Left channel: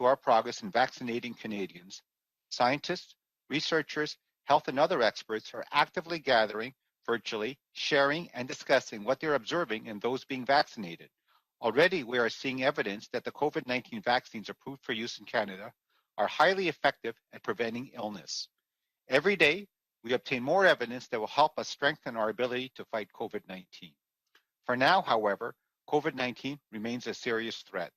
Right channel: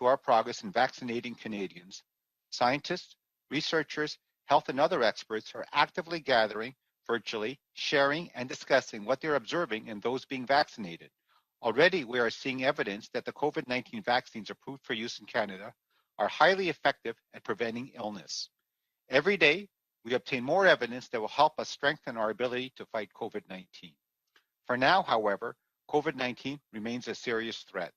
to our progress in vaccinating Canadians. Scientists, researchers, health and other experts are actively gathering virtually, sharing and discussing what they're observing in those being vaccinated. Already, we are seeing evidence that the COVID-19 vaccines approved for use in Canada are highly effective at preventing illness. Every day, we obtain more evidence that will help us strengthen our ability to fight COVID-19. For now, however, COVID-19 remains a serious threat.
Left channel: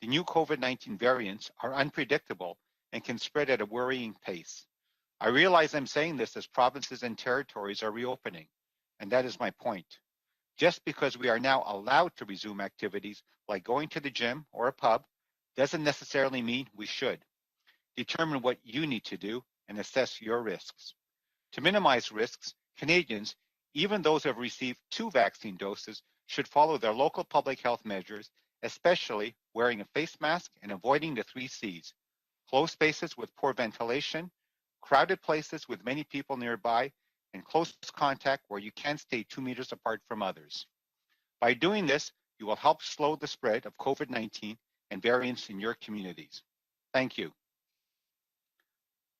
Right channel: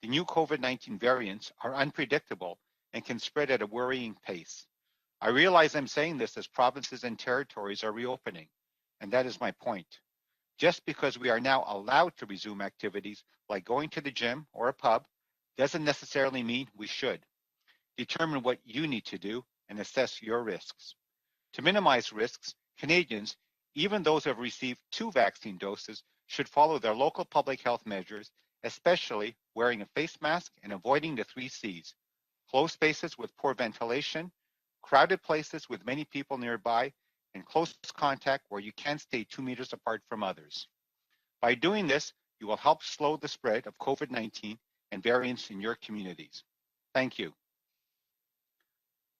The new COVID-19 variants are unpredictable and can spread at a worrying pace. I realize I'm saying this as provinces and territories are reopening, and that is my point. Just because we are now allowed to resume activities like going to the gym or a pub doesn't necessarily mean we should. Determine what you need to do and assess your risks. To minimize risks, Canadians, even those who have received 2 vaccine doses, should follow their local public health measures, especially wearing a face mask and avoiding the 3 C's: closed spaces with poor ventilation, crowded places with many people nearby, and close contact where you can't stay 2 meters apart from others. By doing this, you will help slow the spread of COVID-19 and variants in your communities. Thank you.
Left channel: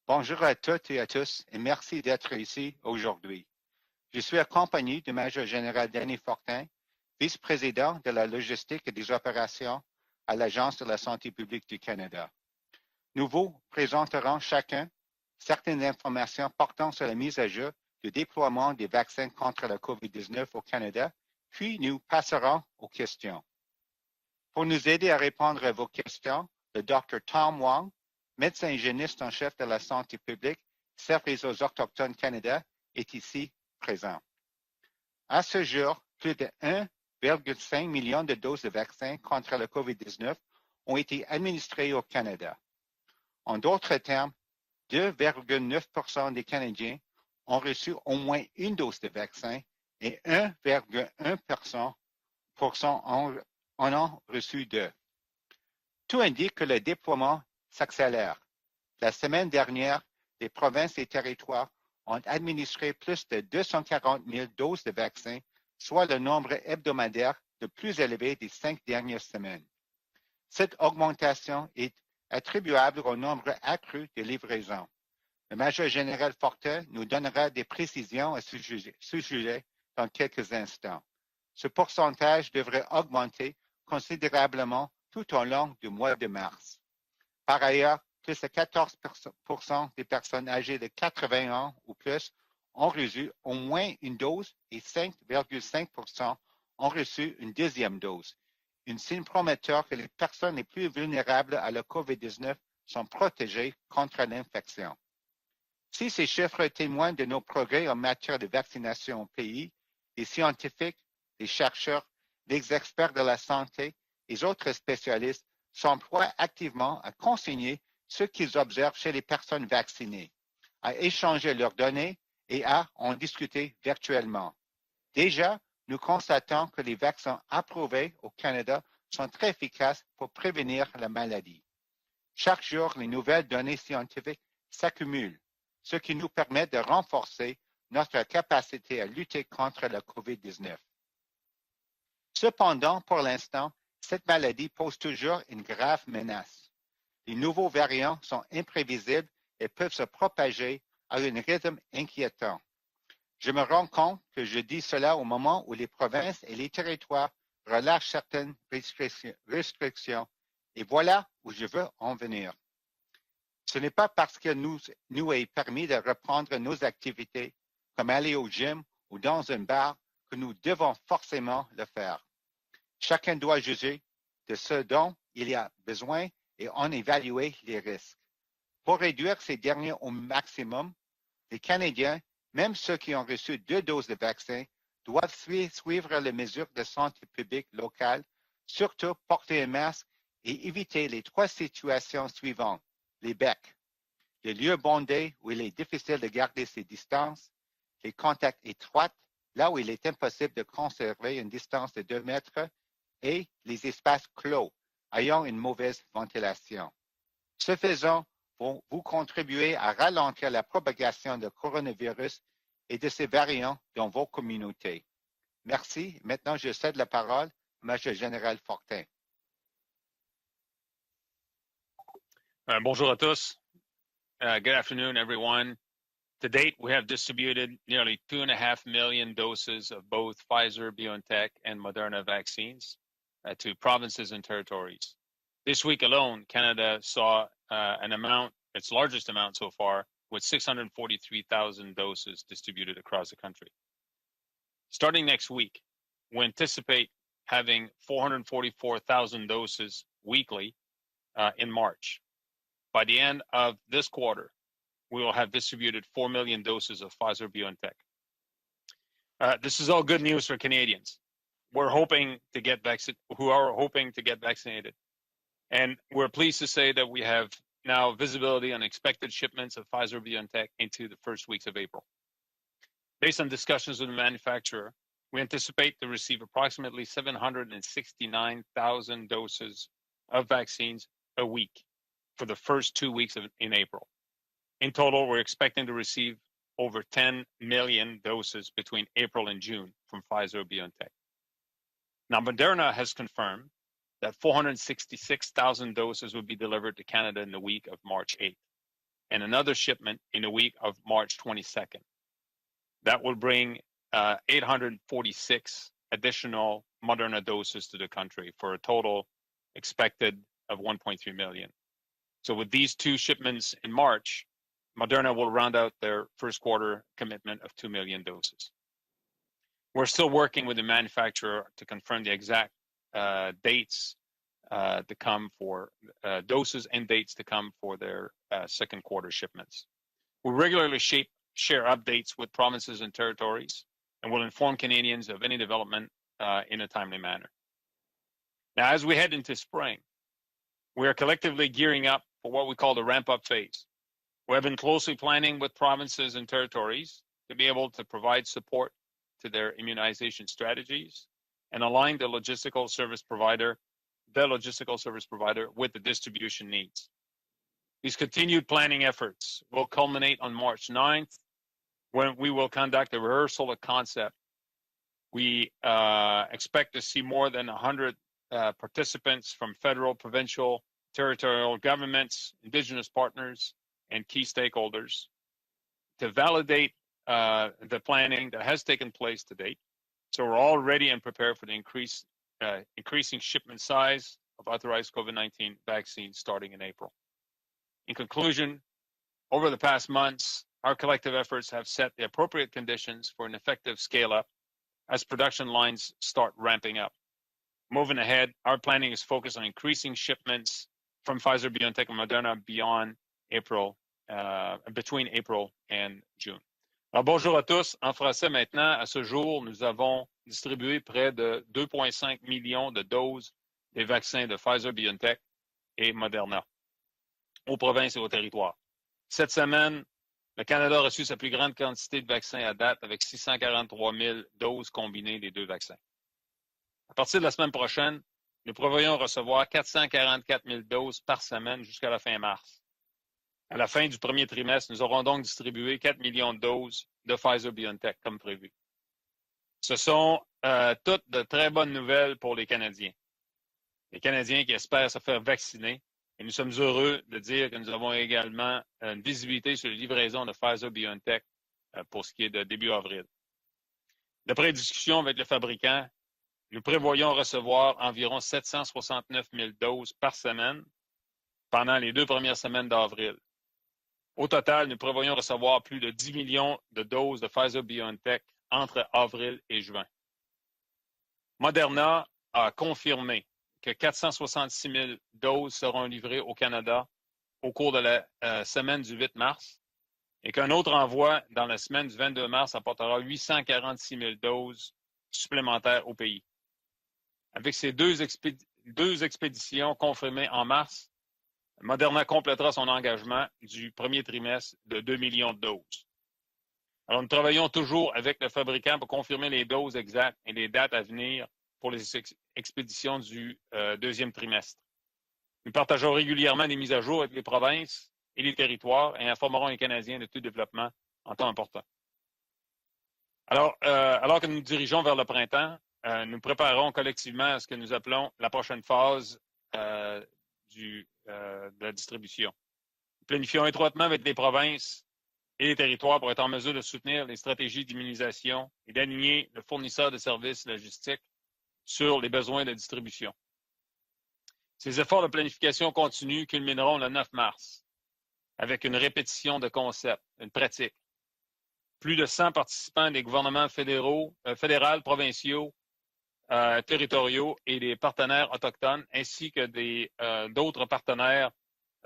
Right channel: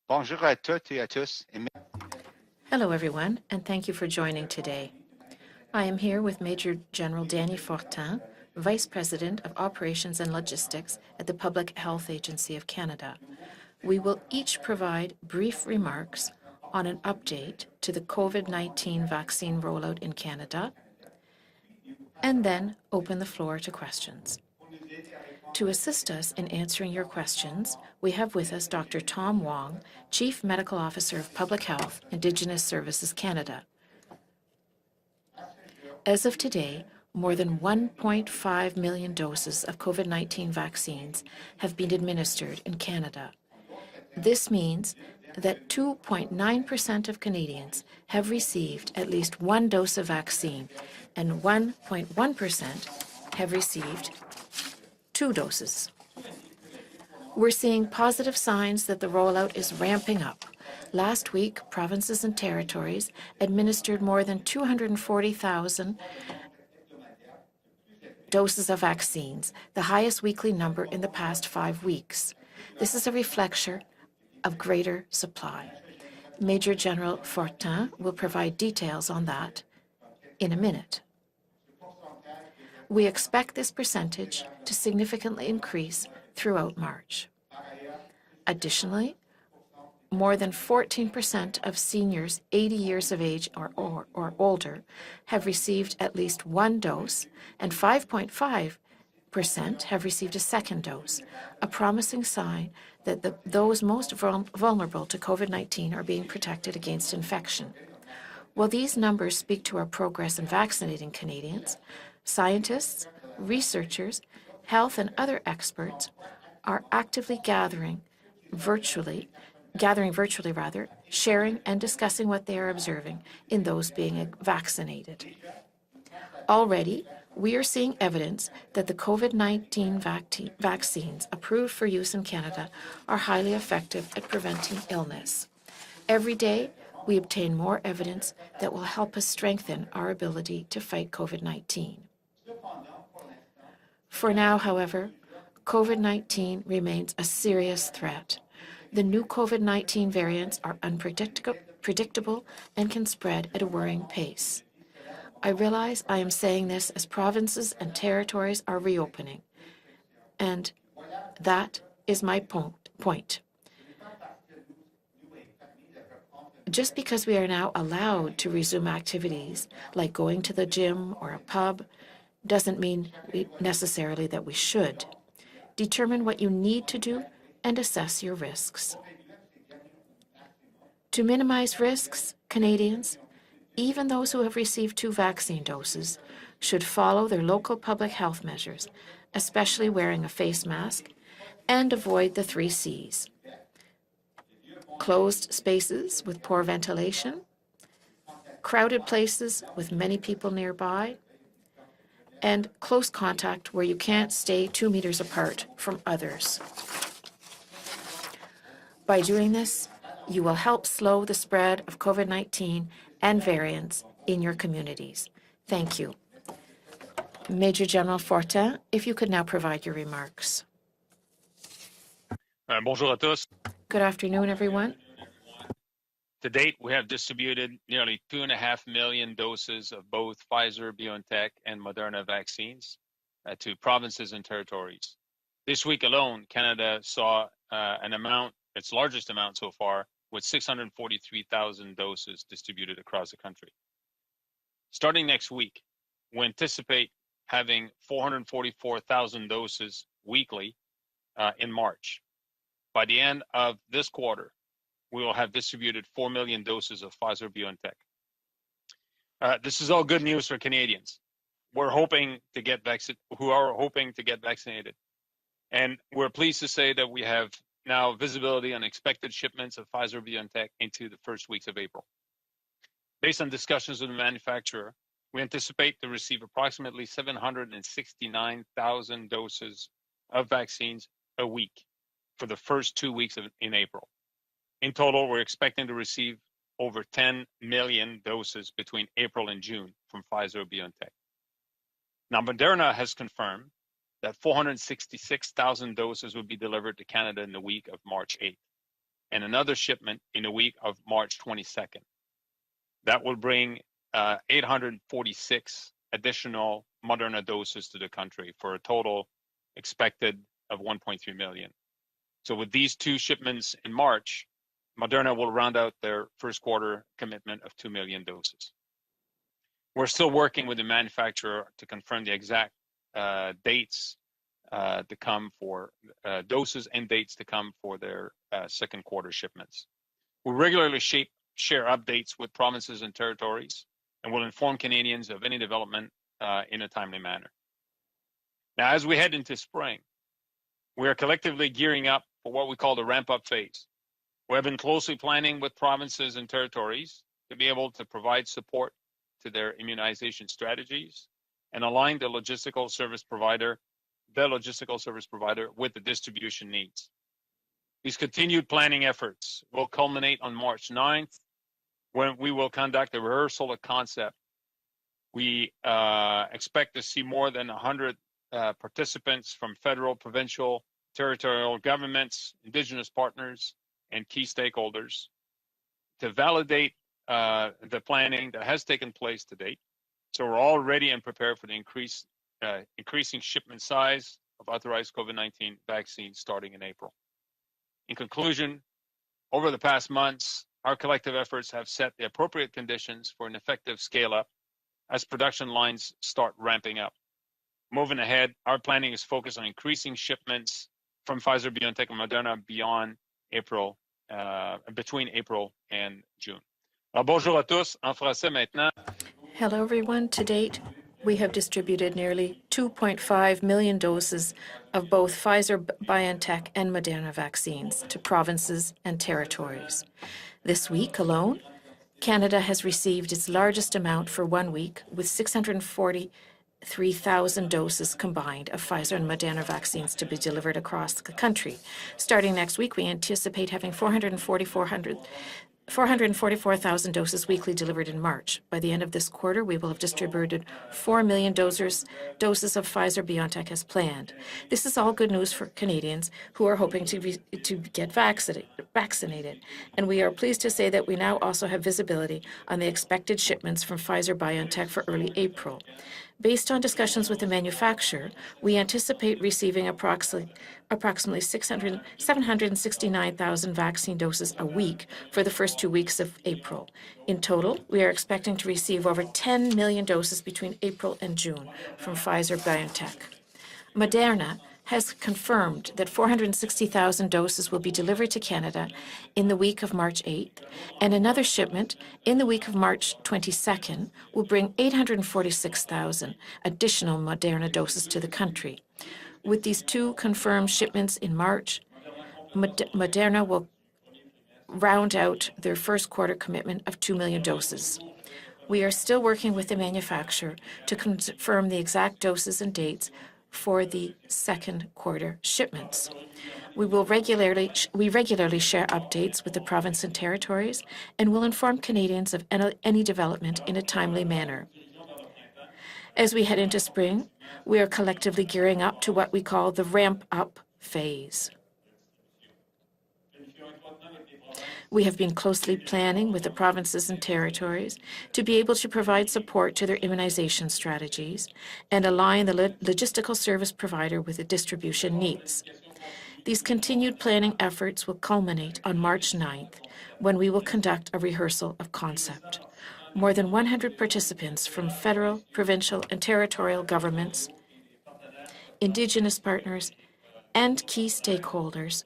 Bonjour à toutes et à tous, et merci d'être ici Hello, everyone, aujourd'hui. and thank you for Je suis joining today. accompagné de Major I Général am Danny here with Fortin, Major General Danny vice-président de la Fortin, logistique Vice et des President of opérations Operations and à l'Agence de la Logistics at santé the publique Public du Health Canada. Agency of Canada. Nous vous We will présenterons each chacun provide brief certaines remarks informations on portant an sur la mise à jour update to the du déploiement des COVID-19 vaccins vaccine contre la rollout in COVID-19 au Canada, Canada, puis nous and passerons then aux open the questions. floor to questions. Pour nous aider à répondre To à vos assist us questions, in le answering your Dr. Tom questions, Wong, we have with us médecin Dr. hygiéniste en Tom chef de la Wong, santé Chief publique, Medical Officer chef of des Public Health, autochtones Indigenous Canada, Services est ici Canada. présent. À ce jour, As plus of de today, more than 1,5 million de doses de 1.5 million vaccins contre doses la of COVID-19 COVID-19 ont vaccines été have administrés been au Canada. administered in Canada. En d'autres termes, This means that 2,9% des Canadiens 2.9% of ont Canadians reçu au have moins une received dose de at least vaccin one dose of et vaccine, and 1,1% 1.1% have en received ont reçu 2. 2 doses. Tout indique que le déploiement We're seeing s'accélère. positive signs that the La semaine rollout is dernière, ramping up. les provinces et Last week, territoires provinces ont and administré territories plus de administered more 240 than 000 doses de vaccins, 240,000 soit le nombre hebdomadaire le plus élevé des doses 5 of dernières vaccines, semaines. the highest weekly Cette number in the past augmentation 5 est weeks. attribuable This is a au nombre reflection accru de of livraisons. greater Le supply. Major Général Major Fortin nous General donnera des Fortin will précisions à provide ce details on sujet that dans quelques in a instants. minute. Ce pourcentage devrait We augmenter expect this percentage to considérablement tout au significantly long du increase mois de mars. throughout March. Par ailleurs, plus de Additionally, 14% des more personnes than âgées de 80 14% ans of ou seniors plus 80 ont years of reçu age au moins or une dose older et have received at 5,5% least one ont dose, reçu une and deuxième dose. 5.5% Une signe prometteur que have les received a personnes les second plus dose, vulnérables a à la promising COVID-19 sign sont that protégées those most contre l'infection. vulnerable to COVID-19 are Si being ces chiffres protected against témoignent de nos infection. progrès en matière de While these vaccination au numbers speak pays, to our les progress in scientifiques, vaccinating les Canadians, chercheurs, les scientists, experts de la santé researchers, et autres health and other spécialistes s'emploient experts are activement à actively conseiller gathering ceux qu'ils observent chez les personnes vaccinées, virtually rather, à échanger sharing leurs and données discussing what they et are à en observing discuter in those being virtuellement. vaccinated. Déjà, nous constatons que les Already, vaccins we are seeing approuvés au evidence Canada that the sont très COVID-19 efficaces pour prévenir la vaccines maladie. approved for use in Chaque Canada jour, les are nouvelles highly données effective at scientifiques preventing s'accumulent, illness. ce qui nous Every day, permet de we renforcer obtain more notre evidence that will capacité à help us lutter strengthen contre la our ability COVID-19. to fight COVID-19. Cependant, pour l'instant, cette For now, maladie pose however, toujours une grave menace. COVID-19 remains a Les nouveaux serious variants threat. sont The new imprévisibles et peuvent se COVID-19 variants propager are à un rythme unpredictable inquiétant. and can spread Je at me a rends worrying compte que je pace. dis cela au I moment où les realize I am provinces et saying les this as territoires provinces and relâchent certaines territories are reopening, restrictions. and Et voilà où je that veux en is my venir. point. Ce n'est pas parce que nous est permis de reprendre nos Just because we are activités, now comme aller allowed au to gym resume ou dans un activities bar, like que going nous to the devons gym or a forcément pub le faire. doesn't mean Chacun doit juger necessarily that we de ce should. dont il y a Determine besoin what you et need en to do évaluer and les assess risques. your risks. Pour réduire ces derniers au maximum, To les minimize Canadiens, risks, même ceux Canadians, qui ont reçu 2 even doses de those who have vaccin, received 2 doivent vaccine doses, suivre les mesures should de follow santé their publique local public locale, health measures, surtout porter un especially masque wearing a et face mask, éviter les 3 and situations avoid the 3 suivantes. C's. Les becs, les lieux bondés Closed où il est difficile spaces de with poor garder ses ventilation, distances, les contacts crowded étroits, places là où with il many était people possible de nearby, conserver une distance de 2 mètres, and close et contact les where you espaces can't stay clos, 2 meters ayant apart une from mauvaise others. ventilation. Ce faisant, vous By doing contribuez this, à you ralentir will la help slow the propagation de spread of coronavirus COVID-19 et de ses and variants variants dans vos in your communautés. communities. Thank you. Merci. Maintenant, je cède la parole Major au Major General Général Fortin, Fortin. if you could now provide your remarks. Bonjour à tous. Good afternoon, Good everyone. afternoon, everyone. To date, we have distributed nearly 2.5 million doses of both Pfizer, BioNTech, and Moderna vaccines to provinces and territories. This week alone, Canada saw its largest amount so far, with 643,000 doses distributed across the country. Starting next week, we anticipate having 444,000 doses weekly in March. By the end of this quarter, we will have distributed 4 million doses of Pfizer BioNTech. This is all good news for Canadians. Who are hoping to get vaccinated. And we're pleased to say that we have now visibility on expected shipments of Pfizer BioNTech into the first weeks of April. Based on discussions with the manufacturer, we anticipate to receive approximately 769,000 doses of vaccines a week for the first 2 weeks in April. In total, we're expecting to receive over 10 million doses between April and June from Pfizer BioNTech. Now, Moderna has confirmed that 466,000 doses will be delivered to Canada in the week of March 8th, and another shipment in the week of March 22nd. That will bring 846 additional Moderna doses to the country for a total expected of 1.3 million. So with these two shipments in March, Moderna will round out their first quarter commitment of 2 million doses. We're still working with the manufacturer to confirm the exact dates to come for doses and dates to come for their second quarter shipments. We regularly share updates with provinces and territories, and will inform Canadians of any development in a timely manner. Now, as we head into spring, we are collectively gearing up for what we call the ramp-up phase. We have been closely planning with provinces and territories to be able to provide support to their immunization strategies and align the logistical service provider with the distribution needs. These continued planning efforts will culminate on March 9th, when we will conduct a rehearsal of concept. We expect to see more than 100 participants from federal, provincial, territorial governments, Indigenous partners, and key stakeholders to validate the planning that has taken place to date. So we're all ready and prepared for the increasing shipment size of authorized COVID-19 vaccines starting in April. In conclusion, over the past months, our collective efforts have set the appropriate conditions for an effective scale-up as production lines start ramping up. Moving ahead, our planning is focused on increasing shipments from Pfizer, BioNTech, and Moderna between April and June. Alors, bonjour à tous. En français maintenant, à ce jour, Hello, nous everyone. avons To date, distribué près we have de distributed 2,5 nearly millions de 2.5 million des vaccins doses de Pfizer, of both BioNTech Pfizer, et BioNTech, Moderna and Moderna vaccines provinces to et aux provinces and Cette semaine, territories. le This Canada a week reçu sa plus alone, grande quantité de Canada vaccins à has date avec received its largest 643 amount 000 for 1 doses week, with combinées des deux vaccins. 643,000 doses combined of Pfizer and Moderna vaccines to be delivered across the country. Starting next week, we anticipate having 444,000 doses weekly delivered in March. By the end of this quarter, we will have distributed 4 million doses of Pfizer BioNTech as planned. This is all good news for Canadians who are hoping to get vaccinated. And we are pleased to say that we now also have visibility on the expected shipments from Pfizer BioNTech for early April. Based on discussions with the manufacturer, we anticipate receiving approximately 769,000 vaccine doses a week for the first 2 weeks of April. In total, we are expecting to receive over 10 million doses between April and June from Pfizer BioNTech. Moderna has confirmed that 460,000 doses will be delivered to Canada in the week of March 8th, and another shipment in the week of March 22nd will bring 846,000 additional Moderna doses to the country. With these two confirmed shipments in March, Moderna will round out their first quarter commitment of 2 million doses. We are still working with the manufacturer to confirm the exact doses and dates for the second quarter shipments. We regularly share updates with the province and territories and will inform Canadians of any development in a timely manner. As we head into spring, we are collectively gearing up to what we call the ramp-up phase. We have been closely planning with the provinces and territories to be able to provide support to their immunization strategies and align the logistical service provider with the distribution needs. These continued planning efforts will culminate on March 9th, when we will conduct a rehearsal of concept. More than 100 participants from federal, provincial, and territorial governments, Indigenous partners, and key stakeholders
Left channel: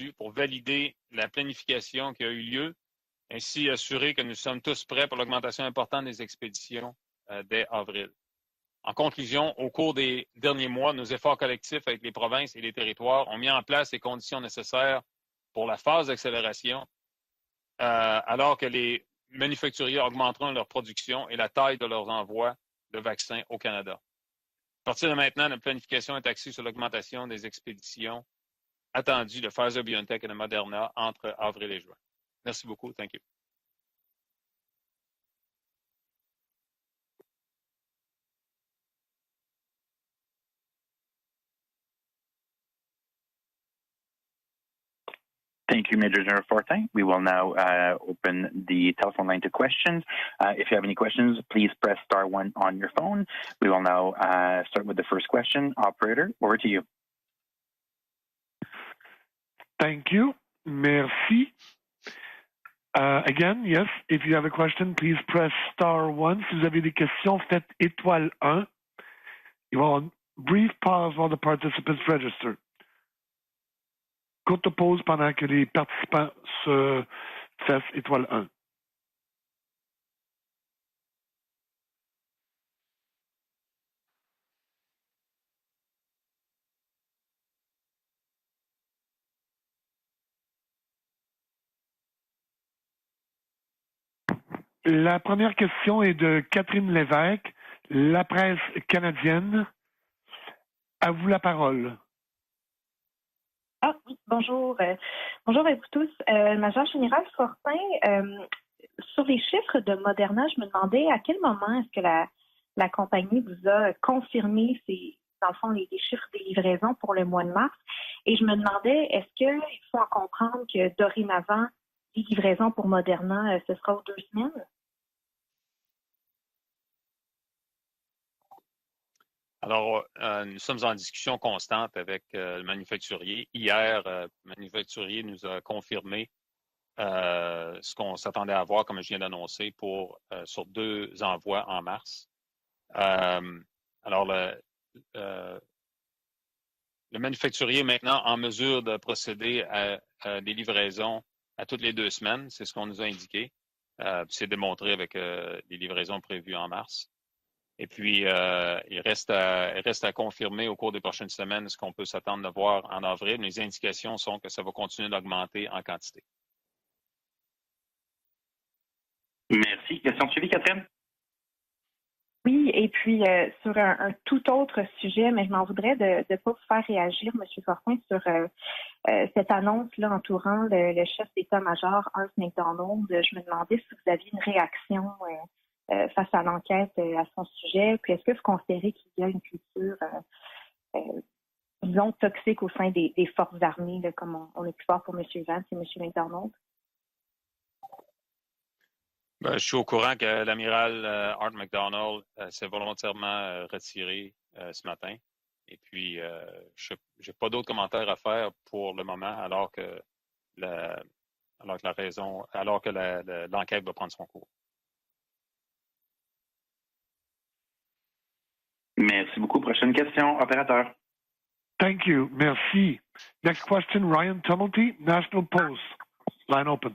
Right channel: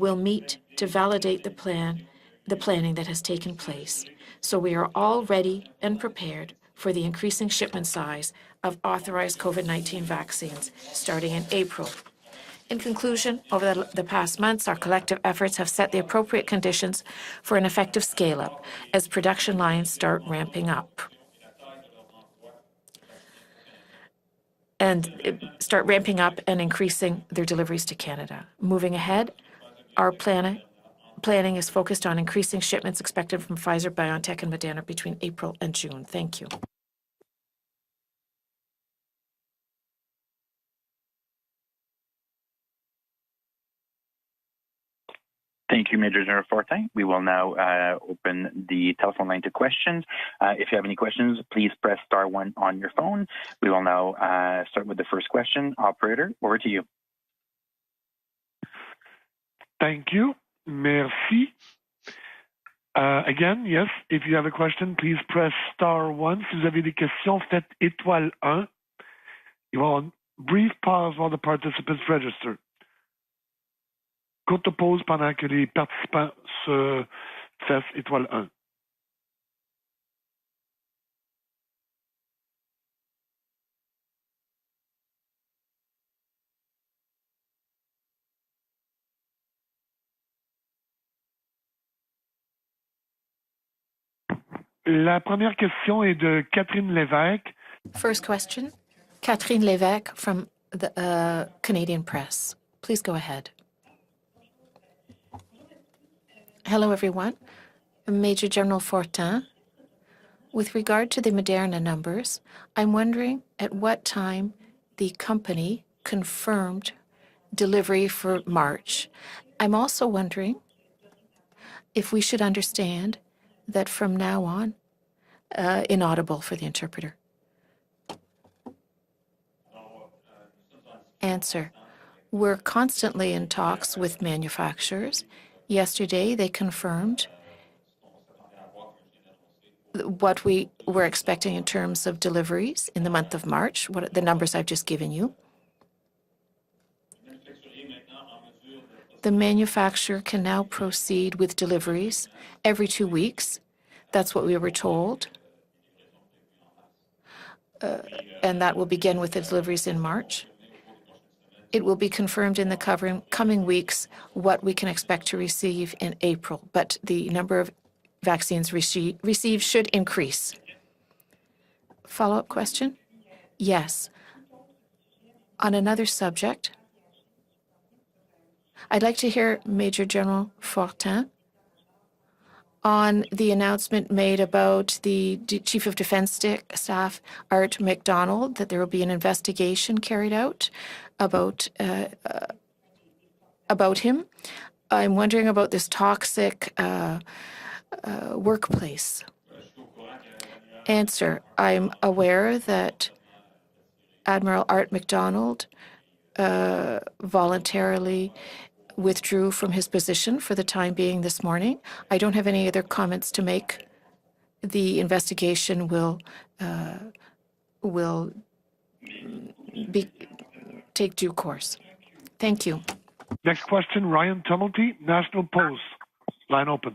will meet to validate the planning that has taken place. So we are all ready and prepared for the increasing shipment size of authorized COVID-19 vaccines starting in April. In conclusion, over the past months, our collective efforts have set the appropriate conditions for an effective scale-up as production lines start ramping up. And start ramping up and increasing their deliveries to Canada. Moving ahead, our planning is focused on increasing shipments expected from Pfizer, BioNTech, and Moderna between April and June. Thank you. Thank you, Major General Fortin. We will now open the telephone line to questions. If you have any questions, please press *1 on your phone. We will now start with the first question. Operator, over to you. Thank you. Merci. Again, yes, if you have a question, please press *1. Si vous avez des questions, faites étoile 1. You will on brief pause while the participants register. Courte pause pendant que les participants se fassent étoile 1. La première question est de Catherine Lévesque, First la presse question, canadienne. Catherine Lévesque from the Canadian Press. Please go ahead. Oui, bonjour. Bonjour à vous tous. Hello, everyone. Major General Sur Fortin, les chiffres de Moderna, je me with demandais regard à to the quel moment Moderna est-ce que numbers, la I'm compagnie wondering vous at a what time confirmé the dans le fond, company les chiffres de confirmed livraison pour le mois de mars. delivery Et for je me March. demandais, est-ce que I'm je also peux wondering comprendre que dorénavant, if we should livraison pour understand Moderna, ce that sera from aux now semaines? on, inaudible for the interpreter. Alors, nous sommes en discussion Answer. constante avec We're constantly in talks with manufacturers. Yesterday, they confirmed ce qu'on s'attendait à voir, comme je viens d'annoncer, pour what we sur were expecting in envois en terms of mars. deliveries in the month of March, what the numbers I've just given you. Le manufacturier est maintenant en mesure de The procéder manufacturer à can des now livraisons proceed with à toutes les 2 deliveries semaines. C'est ce every qu'on nous 2 a indiqué. weeks. That's what C'est we were démontré avec told. les livraisons prévues en mars. Et puis, And that will begin with the deliveries in reste à March. confirmer au cours des prochaines semaines ce It qu'on will peut be s'attendre à confirmed in the voir en avril. Les coming weeks indications sont que ça what va we can continuer expect to d'augmenter en receive in quantité. April, but the number of vaccines received should Merci. Question increase. suivie, Catherine? Follow-up Oui, et question? puis sur Yes. un tout autre sujet, mais je m'en On voudrais another de pas subject, faire réagir, M. Fortin, sur I'd like to cette hear annonce Major General entourant le Fortin chef d'état-major Art McDonald. on Je me the demandais si announcement vous aviez made une about réaction, the Chief of face Defense à l'enquête Staff, à son Art sujet, McDonald, that there will peut-il be an considérer qu'il y a une investigation culture, carried out about disons, toxique au sein des forces about armées, him. comme on a pu voir I'm sur wondering les about images de this M. McDonald. toxic workplace. Je suis au courant que l'amiral Answer. Art I'm McDonald aware s'est that volontairement retiré Admiral ce Art matin. McDonald Et puis, j'ai pas d'autres commentaires à voluntarily faire pour le withdrew moment, from alors his que position for the time being this morning. la I don't have any alors other que comments to make. l'enquête va prendre son cours. The investigation will Merci beaucoup. Prochaine question, opérateur. take due course. Thank you. Thank Merci. you. Next question, Ryan Tumulty, National Post. Line open.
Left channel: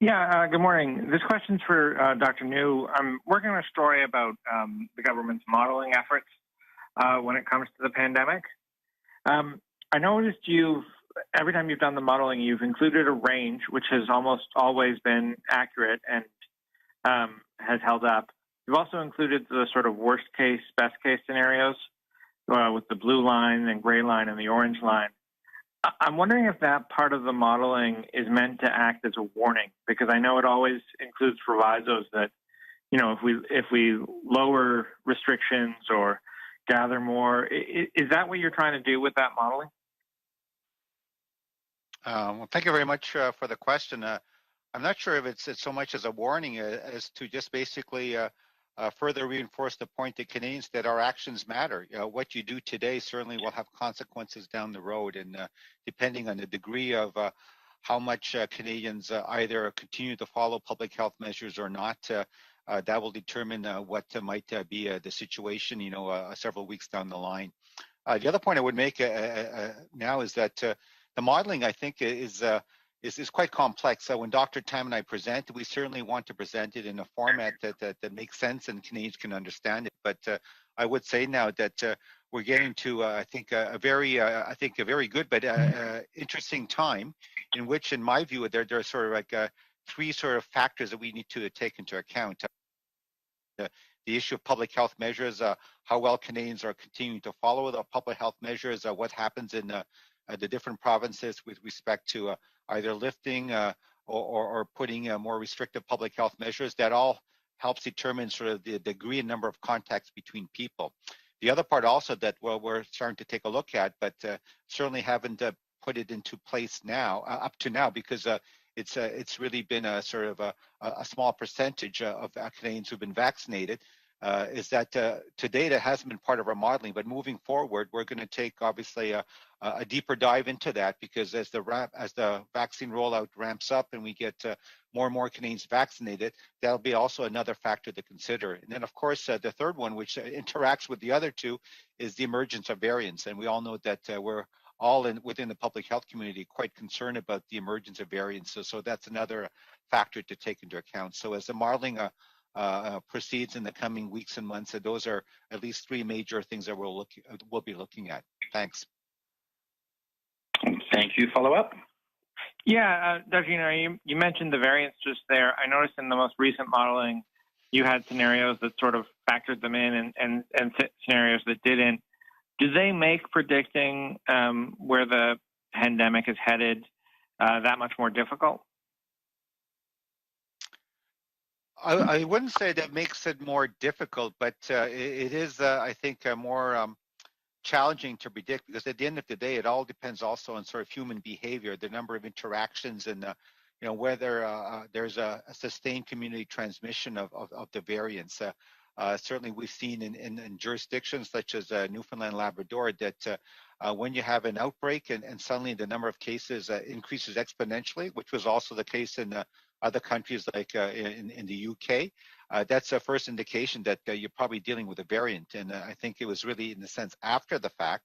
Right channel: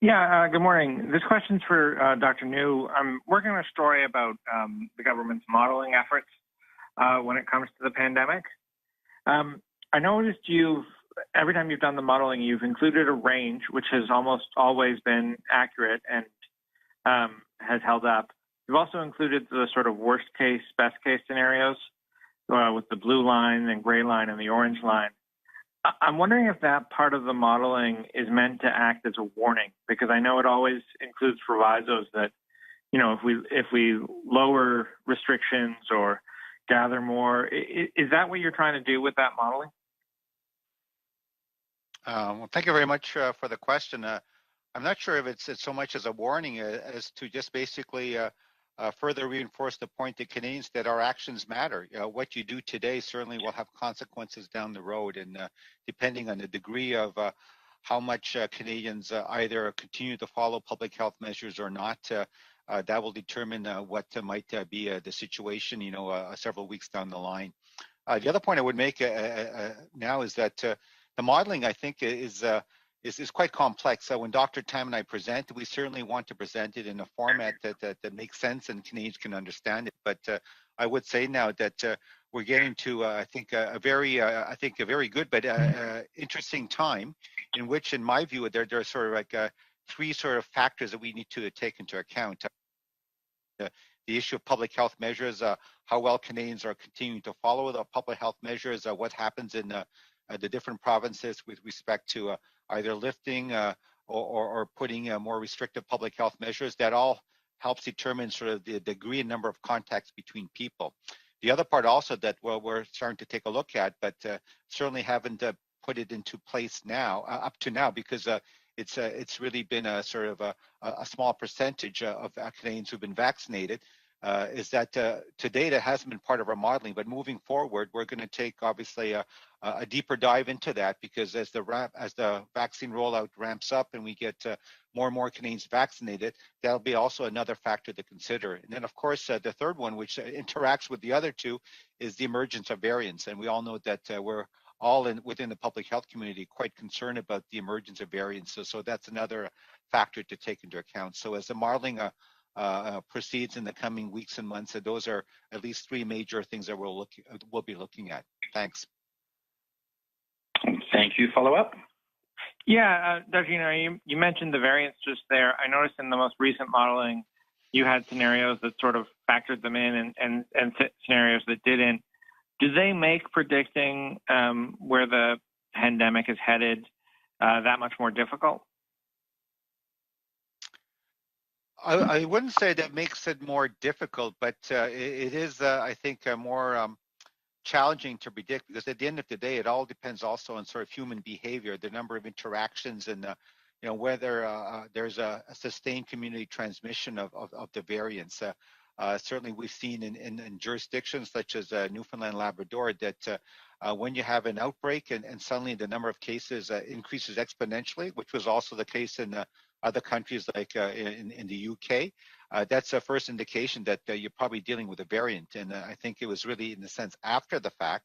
Yeah, good morning. This question's for Dr. New. I'm working on a story about the government's modeling efforts when it comes to the pandemic. I noticed every time you've done the modeling, you've included a range, which has almost always been accurate and has held up. You've also included the sort of worst case, best case scenarios with the blue line and gray line and the orange line. I'm wondering if that part of the modeling is meant to act as a warning, because I know it always includes provisos that, if we lower restrictions or gather more, is that what you're trying to do with that modeling? Well, thank you very much for the question. I'm not sure if it's so much as a warning as to just basically further reinforce the point to Canadians that our actions matter. What you do today certainly will have consequences down the road, and depending on the degree of how much Canadians either continue to follow public health measures or not, that will determine what might be the situation, several weeks down the line. The other point I would make now is that the modeling, I think, is quite complex. So when Dr. Tam and I present, we certainly want to present it in a format that makes sense and Canadians can understand it. But I would say now that we're getting to, I think, a very good but interesting time, in which, in my view, there are sort of like three sort of factors that we need to take into account. The issue of public health measures, how well Canadians are continuing to follow the public health measures, what happens in the different provinces with respect to either lifting or putting more restrictive public health measures. That all helps determine sort of the degree and number of contacts between people. The other part also that we're starting to take a look at, but certainly haven't put it into place now, up to now, because it's really been a sort of a small percentage of Canadians who've been vaccinated, is that to date it hasn't been part of our modeling, but moving forward we're going to take obviously a deeper dive into that, because as the vaccine rollout ramps up and we get more and more Canadians vaccinated, that'll be also another factor to consider. And then of course the third one, which interacts with the other two, is the emergence of variants, and we all know that we're all within the public health community quite concerned about the emergence of variants. So that's another factor to take into account. So as the modeling proceeds in the coming weeks and months, those are at least three major things that we'll be looking at. Thanks. Thank you. Follow up? Yeah, Dr. You mentioned the variants just there. I noticed in the most recent modeling, you had scenarios that sort of factored them in and scenarios that didn't. Do they make predicting where the pandemic is headed that much more difficult? I wouldn't say that makes it more difficult, but it is, I think, more challenging to predict, because at the end of the day, it all depends also on sort of human behavior, the number of interactions, and whether there's a sustained community transmission of the variants. Certainly, we've seen in jurisdictions such as Newfoundland, Labrador, that when you have an outbreak and suddenly the number of cases increases exponentially, which was also the case in other countries like in the UK, that's a first indication that you're probably dealing with a variant. And I think it was really, in a sense, after the fact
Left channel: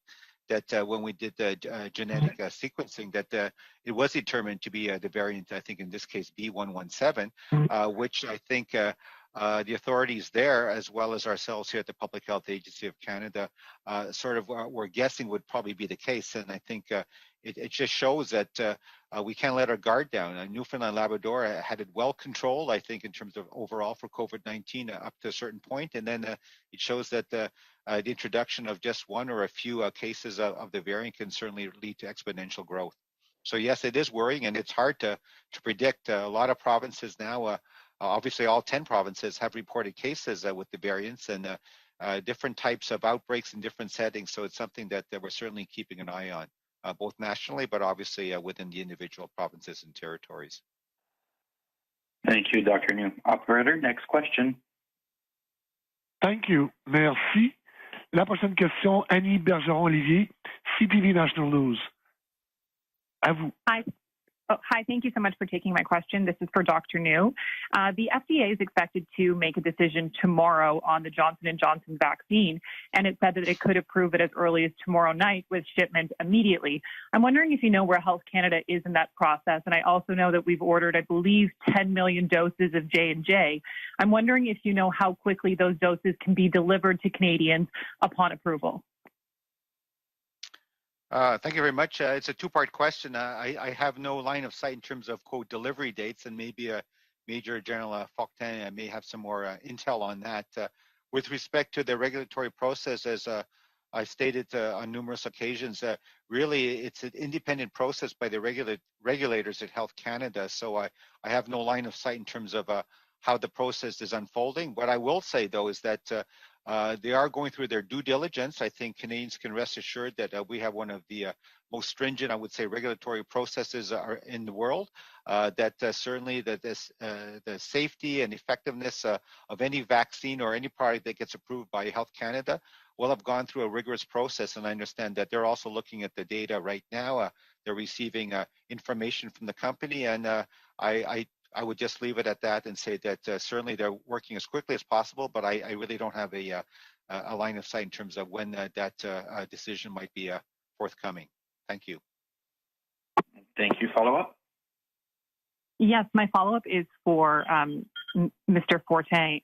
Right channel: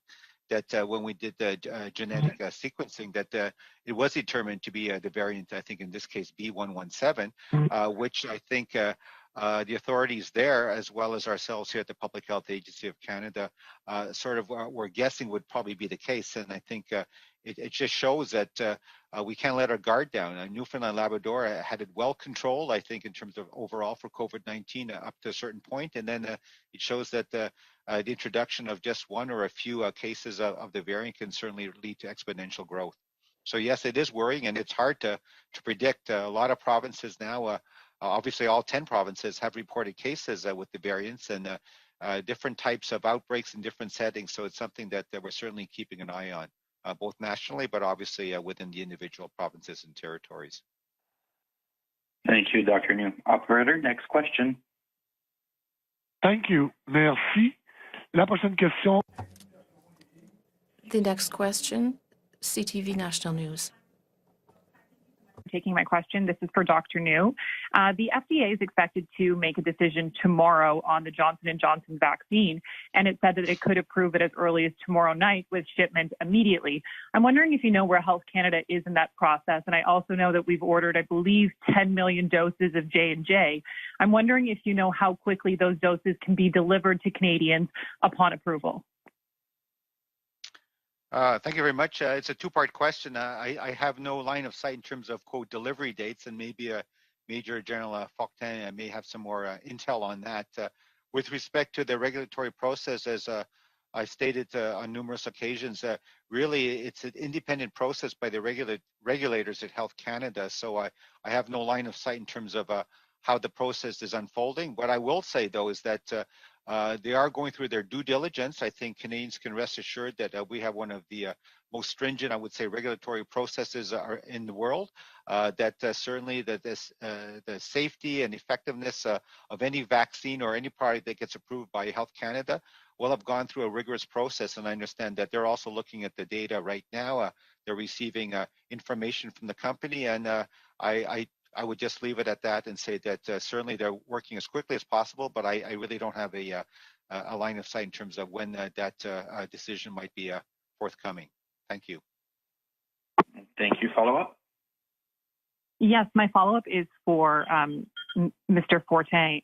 that when we did the genetic sequencing, that it was determined to be the variant, I think in this case B117, which I think the authorities there, as well as ourselves here at the Public Health Agency of Canada, sort of were guessing would probably be the case. And I think it just shows that we can't let our guard down. Newfoundland Labrador had it well controlled, I think, in terms of overall for COVID-19 up to a certain point. And then it shows that the introduction of just one or a few cases of the variant can certainly lead to exponential growth. So yes, it is worrying, and it's hard to predict. A lot of provinces now, obviously all 10 provinces have reported cases with the variants, and different types of outbreaks in different settings. So it's something that we're certainly keeping an eye on, both nationally, but obviously within the individual provinces and territories. Thank you, Dr. New. Operator, next question. Thank you. Merci. La prochaine question, Annie Bergeron-Olivier, CTV National News. CTV National News. Hi, thank you so much for taking my question. This is for Dr. New. The FDA is expected to make a decision tomorrow on the Johnson & Johnson vaccine, and it said that it could approve it as early as tomorrow night with shipment immediately. I'm wondering if you know where Health Canada is in that process, and I also know that we've ordered, I believe, 10 million doses of J&J. I'm wondering if you know how quickly those doses can be delivered to Canadians upon approval. Thank you very much. It's a two-part question. I have no line of sight in terms of, quote, delivery dates, and maybe Major General Fortin may have some more intel on that. With respect to the regulatory process, as I stated on numerous occasions, really it's an independent process by the regulators at Health Canada, so I have no line of sight in terms of how the process is unfolding. What I will say, though, is that they are going through their due diligence. I think Canadians can rest assured that we have one of the most stringent, I would say, regulatory processes are in the world. That certainly the safety and effectiveness of any vaccine or any product that gets approved by Health Canada will have gone through a rigorous process. And I understand that they're also looking at the data right now. They're receiving information from the company, and I would just leave it at that and say that certainly they're working as quickly as possible, but I really don't have a line of sight in terms of when that decision might be forthcoming. Thank you. Thank you. Follow-up? Yes, my follow-up is for Mr. Fortin.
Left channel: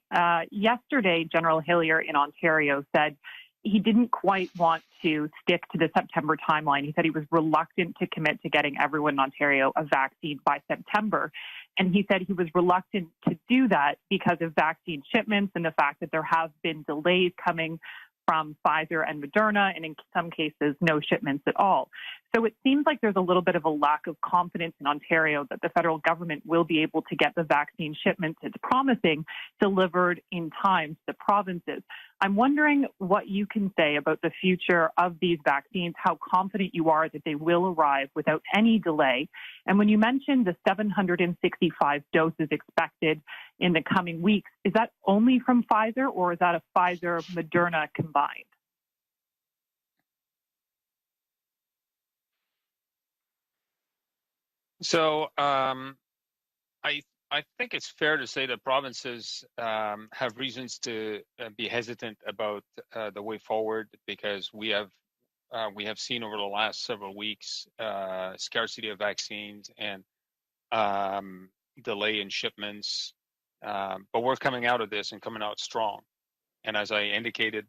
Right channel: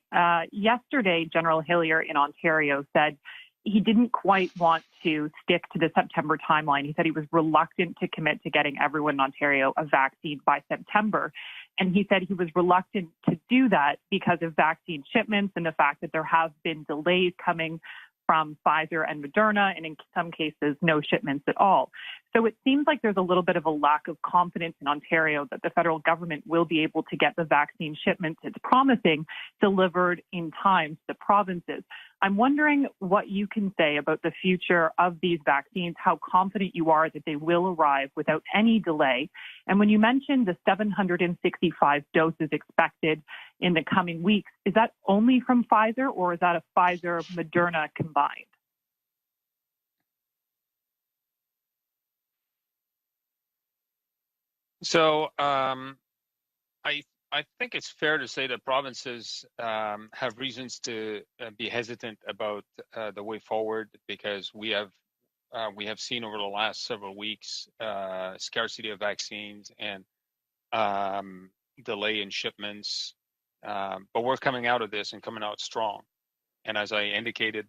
Yesterday, General Hillier in Ontario said he didn't quite want to stick to the September timeline. He said he was reluctant to commit to getting everyone in Ontario a vaccine by September. And he said he was reluctant to do that because of vaccine shipments and the fact that there have been delays coming from Pfizer and Moderna, and in some cases, no shipments at all. So it seems like there's a little bit of a lack of confidence in Ontario that the federal government will be able to get the vaccine shipments it's promising delivered in time to the provinces. I'm wondering what you can say about the future of these vaccines, how confident you are that they will arrive without any delay. And when you mentioned the 765 doses expected in the coming weeks, is that only from Pfizer, or is that a Pfizer-Moderna combined? So I think it's fair to say that provinces have reasons to be hesitant about the way forward, because we have seen over the last several weeks scarcity of vaccines and delay in shipments. But we're coming out of this and coming out strong. And as I indicated,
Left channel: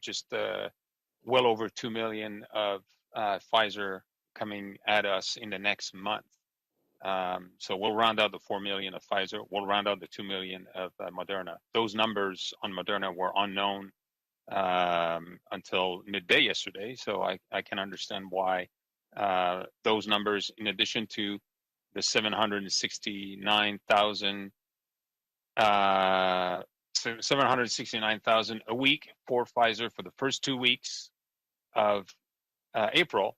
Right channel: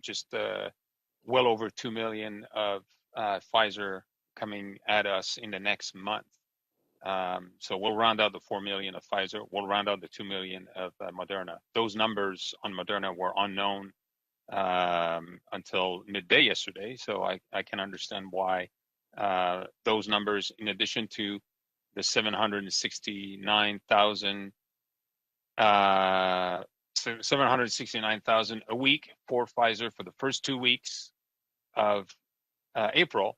just well over 2 million of Pfizer coming at us in the next month. So we'll round out the 4 million of Pfizer. We'll round out the 2 million of Moderna. Those numbers on Moderna were unknown until midday yesterday. So I can understand why those numbers, in addition to the 769,000 a week for Pfizer for the first 2 weeks of April,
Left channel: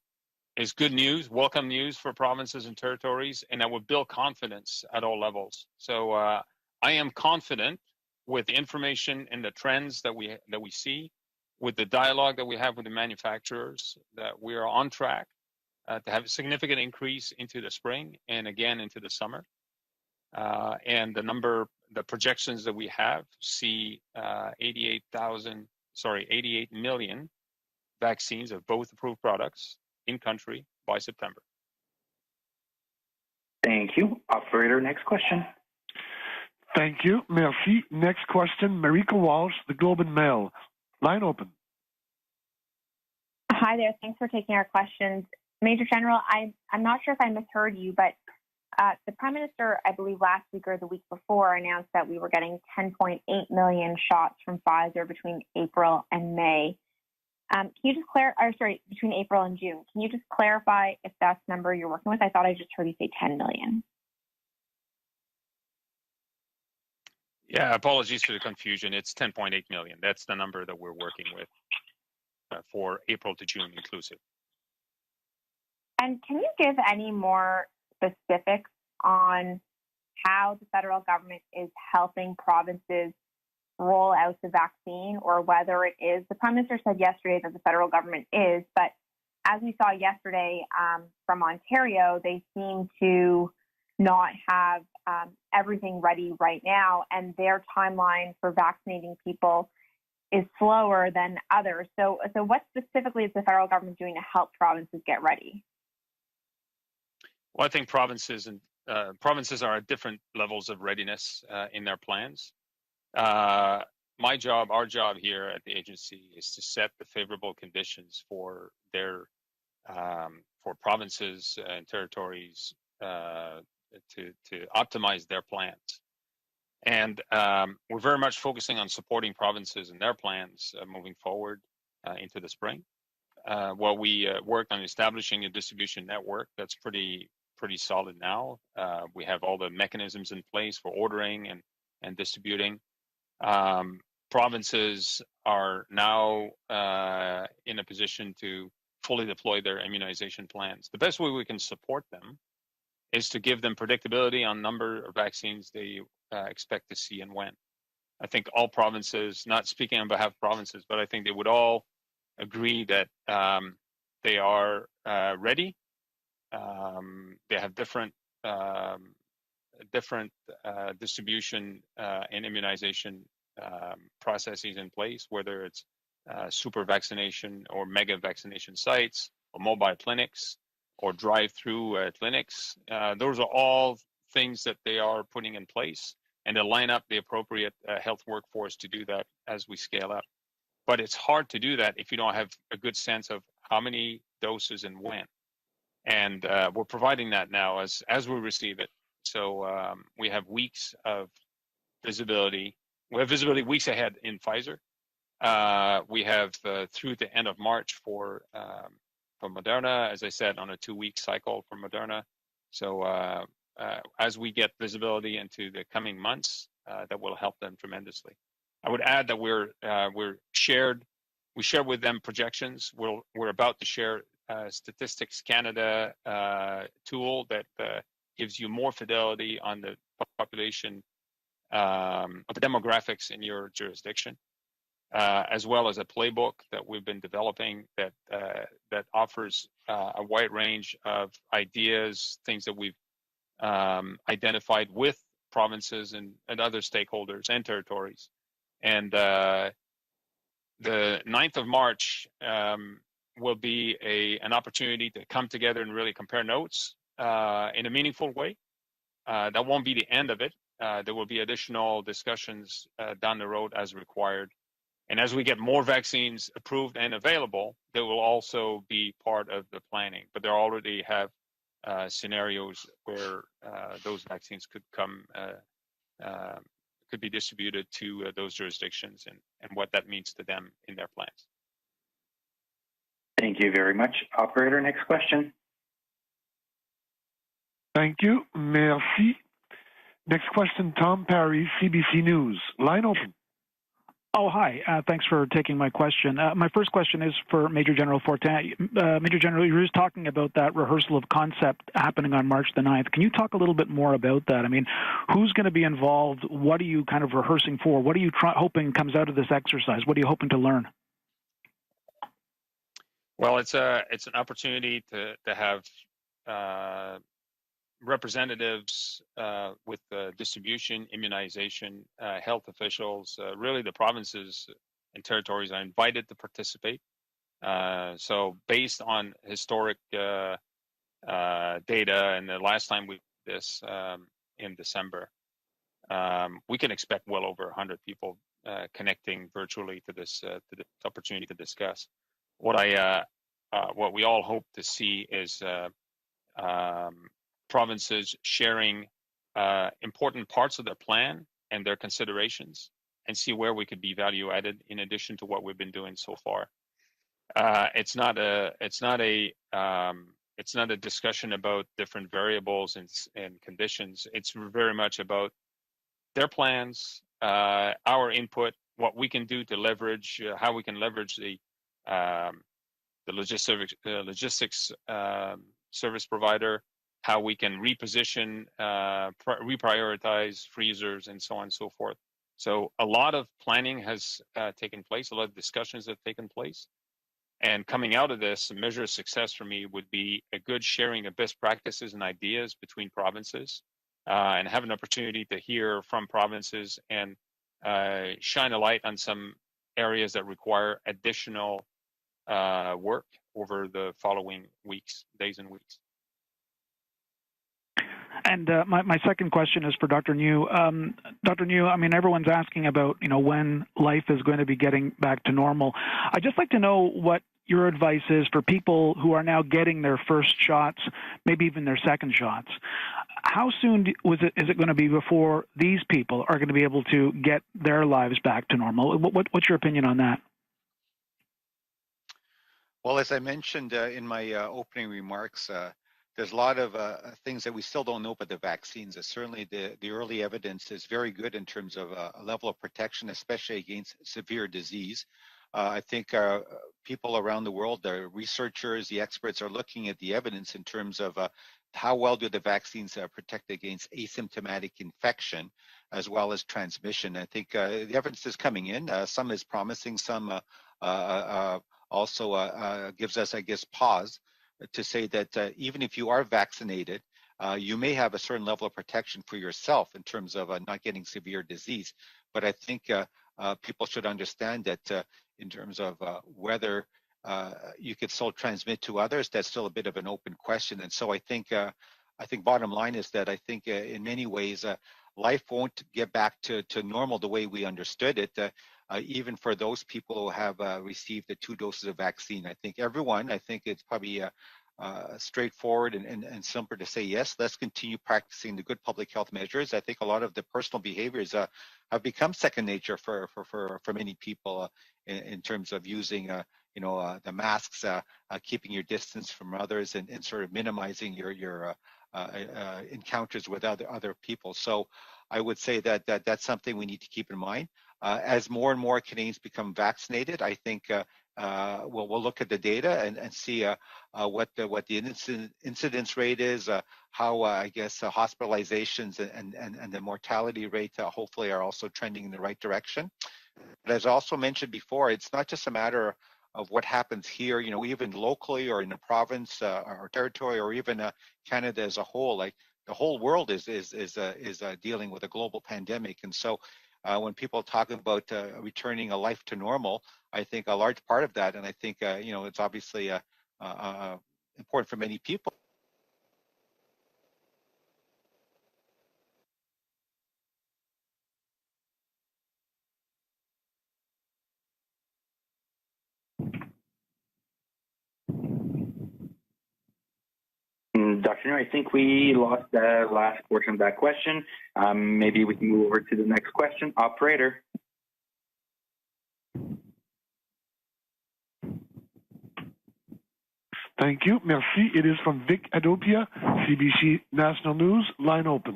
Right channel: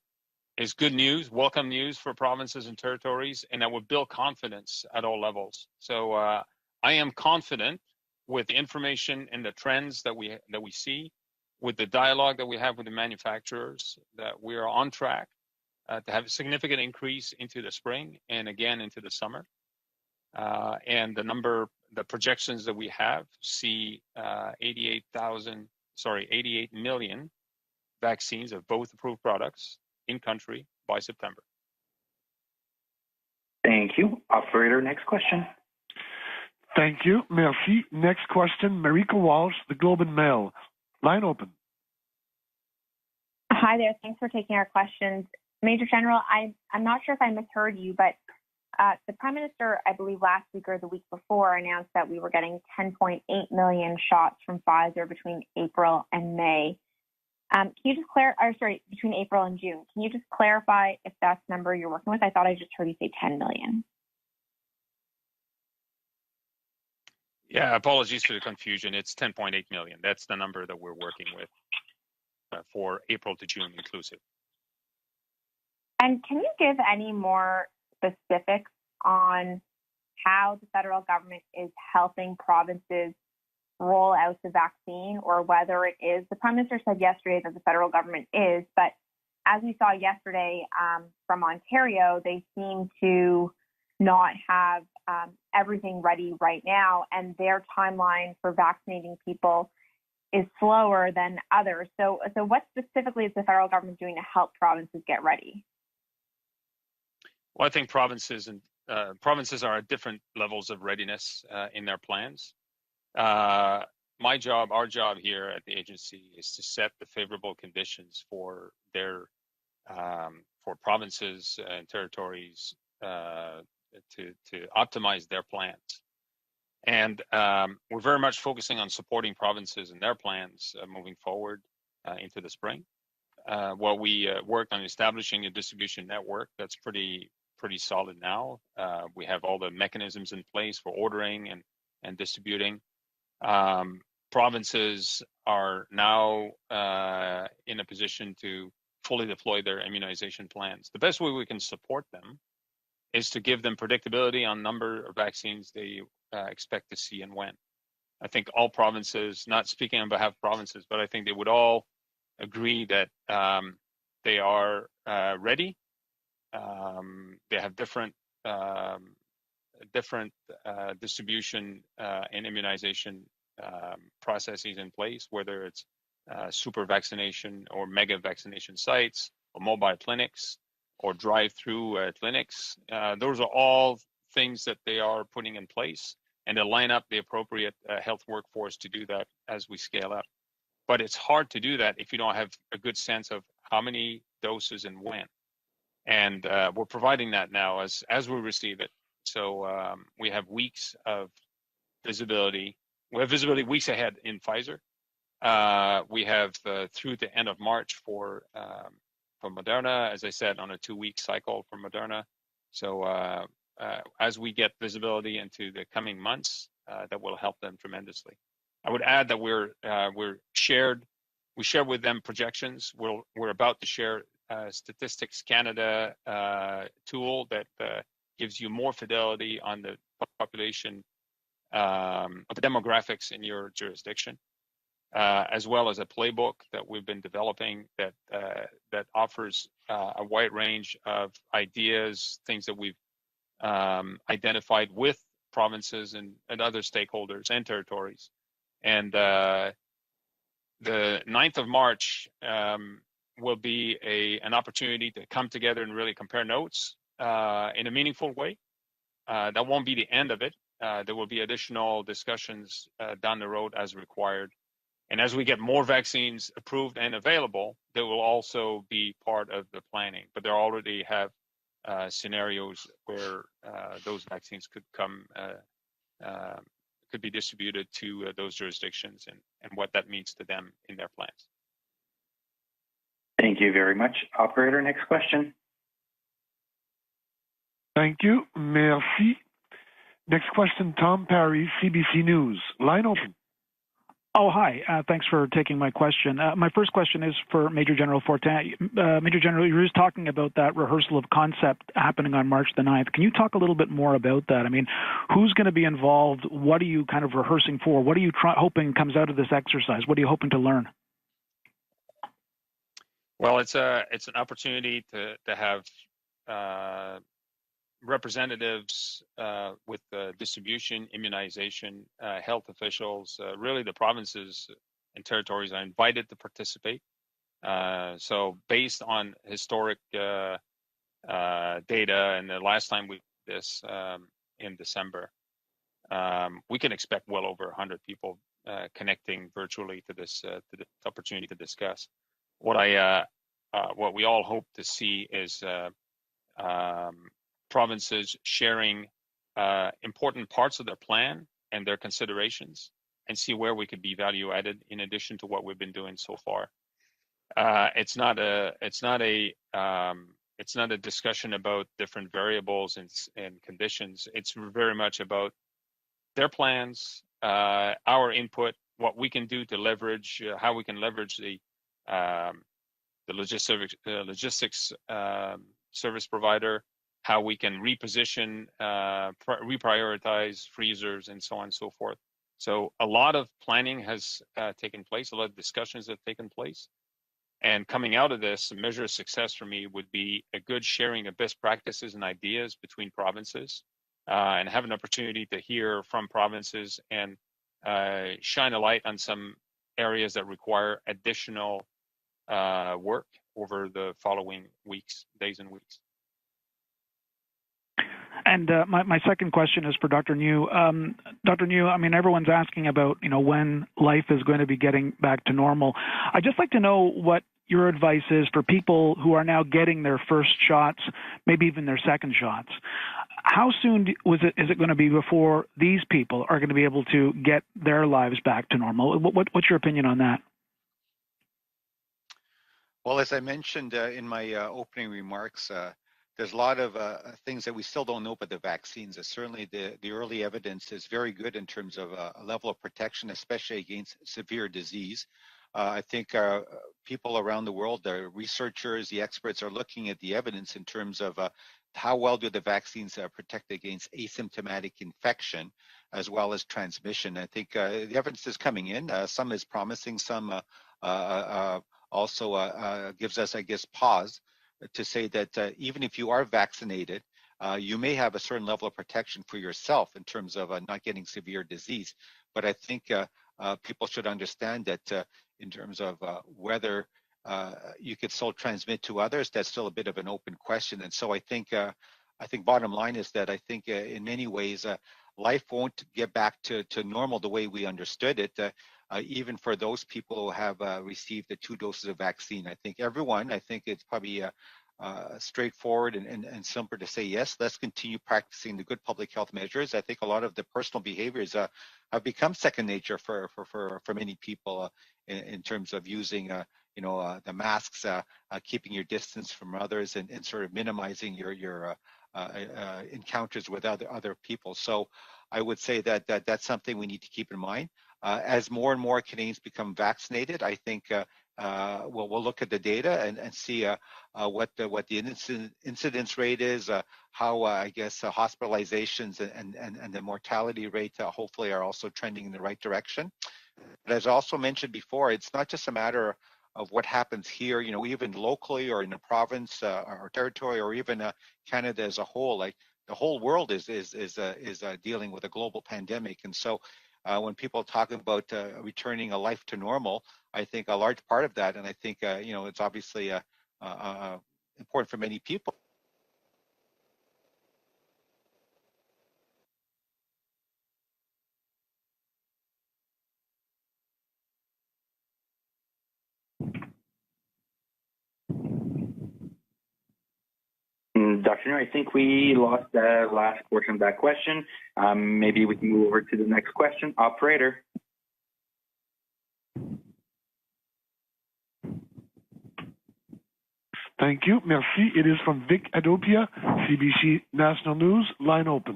is good news, welcome news for provinces and territories, and that would build confidence at all levels. So I am confident with the information and the trends that we see, with the dialogue that we have with the manufacturers, that we are on track to have a significant increase into the spring and again into the summer. And the projections that we have see 88 million vaccines of both approved products in country by September. Thank you. Operator, next question. Thank you. Merci. Next question, Marika Walsh, the Globe and Mail. Line open. Hi there. Thanks for taking our questions. Major General, I'm not sure if I misheard you, but the Prime Minister, I believe last week or the week before, announced that we were getting 10.8 million shots from Pfizer between April and May. Can you just between April and June. Can you just clarify if that's the number you're working with? I thought I just heard you say 10 million. Yeah, apologies for the confusion. It's 10.8 million. That's the number that we're working with for April to June inclusive. And can you give any more specifics on how the federal government is helping provinces roll out the vaccine, or whether it is, the Prime Minister said yesterday that the federal government is, but as we saw yesterday from Ontario, they seem to not have everything ready right now, and their timeline for vaccinating people is slower than others. So what specifically is the federal government doing to help provinces get ready? Well, I think provinces are at different levels of readiness in their plans. My job, our job here at the agency, is to set the favorable conditions for for provinces and territories to optimize their plans. And we're very much focusing on supporting provinces and their plans moving forward into the spring. While we work on establishing a distribution network that's pretty solid now. We have all the mechanisms in place for ordering and distributing. Provinces are now in a position to fully deploy their immunization plans. The best way we can support them is to give them predictability on number of vaccines they expect to see and when. I think all provinces, not speaking on behalf of provinces, but I think they would all agree that they are ready. They have different distribution and immunization processes in place, whether it's super vaccination or mega vaccination sites or mobile clinics or drive-through clinics. Those are all things that they are putting in place, and they line up the appropriate health workforce to do that as we scale up. But it's hard to do that if you don't have a good sense of how many doses and when. And we're providing that now as we receive it. So we have weeks of visibility. We have visibility weeks ahead in Pfizer. We have through the end of March for Moderna, as I said, on a 2-week cycle for Moderna. So as we get visibility into the coming months, that will help them tremendously. I would add that we share with them projections. We're about to share Statistics Canada tool that gives you more fidelity on the population of the demographics in your jurisdiction, as well as a playbook that we've been developing that offers a wide range of ideas, things that we've identified with provinces and other stakeholders and territories. And the 9th of March will be an opportunity to come together and really compare notes in a meaningful way. That won't be the end of it. There will be additional discussions down the road as required. And as we get more vaccines approved and available, they will also be part of the planning. But they already have scenarios where those vaccines could be distributed to those jurisdictions and what that means to them in their plans. Thank you very much. Operator, next question. Thank you. Merci. Next question, Tom Parry, CBC News. Line open. Oh, hi. Thanks for taking my question. My first question is for Major General Fortin. Major General, you were just talking about that rehearsal of concept happening on March the 9th. Can you talk a little bit more about that? I mean, who's going to be involved? What are you kind of rehearsing for? What are you hoping comes out of this exercise? What are you hoping to learn? Well, it's an opportunity to have representatives with distribution, immunization, health officials, really the provinces and territories are invited to participate. So based on historic data, and the last time we did this in December, we can expect well over 100 people connecting virtually to this opportunity to discuss. What we all hope to see is provinces sharing important parts of their plan and their considerations, and see where we could be value added in addition to what we've been doing so far. It's not a discussion about different variables and conditions. It's very much about their plans, our input, what we can do to leverage, how we can leverage the logistics service provider, how we can reposition, reprioritize freezers, and so on and so forth. So a lot of planning has taken place, a lot of discussions have taken place. And coming out of this, a measure of success for me would be a good sharing of best practices and ideas between provinces, and have an opportunity to hear from provinces and shine a light on some areas that require additional work over the following days and weeks. And my second question is for Dr. New. Dr. New, I mean, everyone's asking about, when life is going to be getting back to normal. I'd just like to know what your advice is for people who are now getting their first shots, maybe even their second shots. How soon is it going to be before these people are going to be able to get their lives back to normal? What's your opinion on that? Well, as I mentioned in my opening remarks, there's a lot of things that we still don't know about the vaccines. Certainly the early evidence is very good in terms of a level of protection, especially against severe disease. I think people around the world, the researchers, the experts are looking at the evidence in terms of how well do the vaccines protect against asymptomatic infection as well as transmission. I think the evidence is coming in. Some is promising, some also gives us, I guess, pause to say that even if you are vaccinated, you may have a certain level of protection for yourself in terms of not getting severe disease. But I think people should understand that in terms of whether you could still transmit to others, that's still a bit of an open question. And so I think bottom line is that I think in many ways life won't get back to normal the way we understood it, even for those people who have received the 2 doses of vaccine. I think it's probably straightforward and simple to say, yes, let's continue practicing the good public health measures. I think a lot of the personal behaviors have become second nature for many people in terms of using the masks, keeping your distance from others, and sort of minimizing your encounters with other people. So I would say that's something we need to keep in mind. As more and more Canadians become vaccinated, I think we'll look at the data and see what the incidence rate is, how I guess hospitalizations and the mortality rate hopefully are also trending in the right direction. But as also mentioned before, it's not just a matter of what happens here, even locally or in a province or territory, or even Canada as a whole. Like the whole world is dealing with a global pandemic, and so when people talk about returning a life to normal, I think a large part of that, and I think it's obviously important for many people. Dr. New, I think we lost the last portion of that question. Maybe we can move over to the next question. Operator. Thank you. Merci. It is from Vic Adopia, CBC National News. Line open.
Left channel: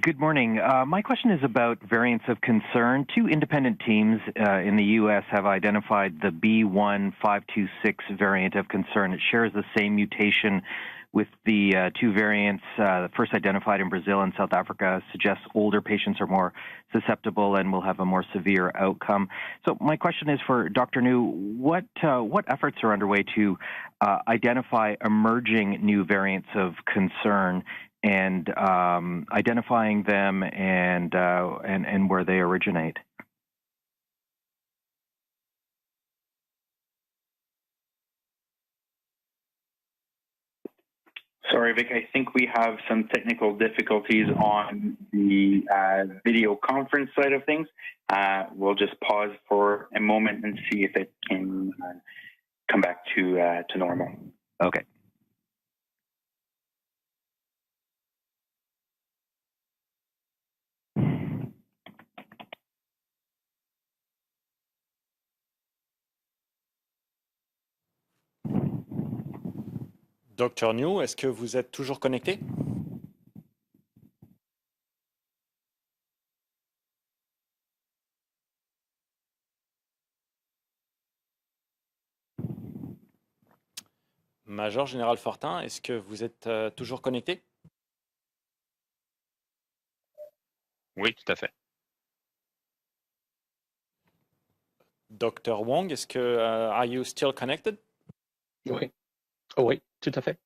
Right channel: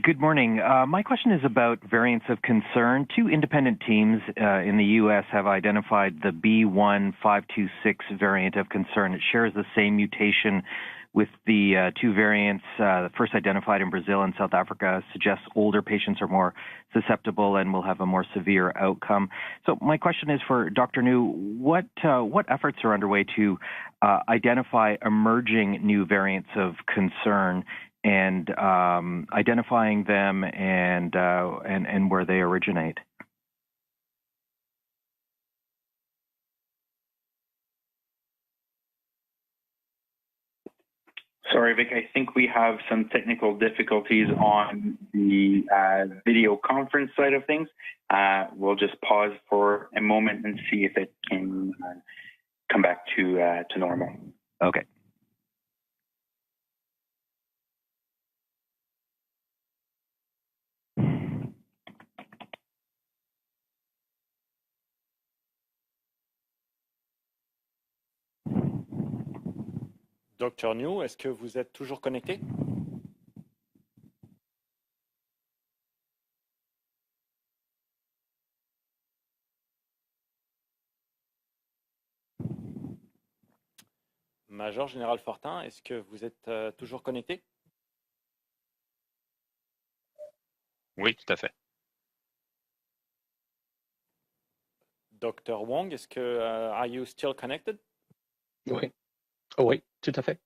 Good morning. My question is about variants of concern. 2 independent teams in the U.S. have identified the B.1.526 variant of concern. It shares the same mutation with the 2 variants first identified in Brazil and South Africa, suggests older patients are more susceptible and will have a more severe outcome. So my question is for Dr. New, what efforts are underway to identify emerging new variants of concern and identifying them and where they originate? Sorry, Vic, I think we have some technical difficulties on the video conference side of things. We'll just pause for a moment and see if it can come back to normal. Okay. Docteur New, est-ce que vous êtes toujours connecté? Major Général Fortin, est-ce que vous êtes toujours connecté? Oui, tout à fait. Dr. Wong, est-ce que are you still connected? Oui. Oh, oui, tout à fait.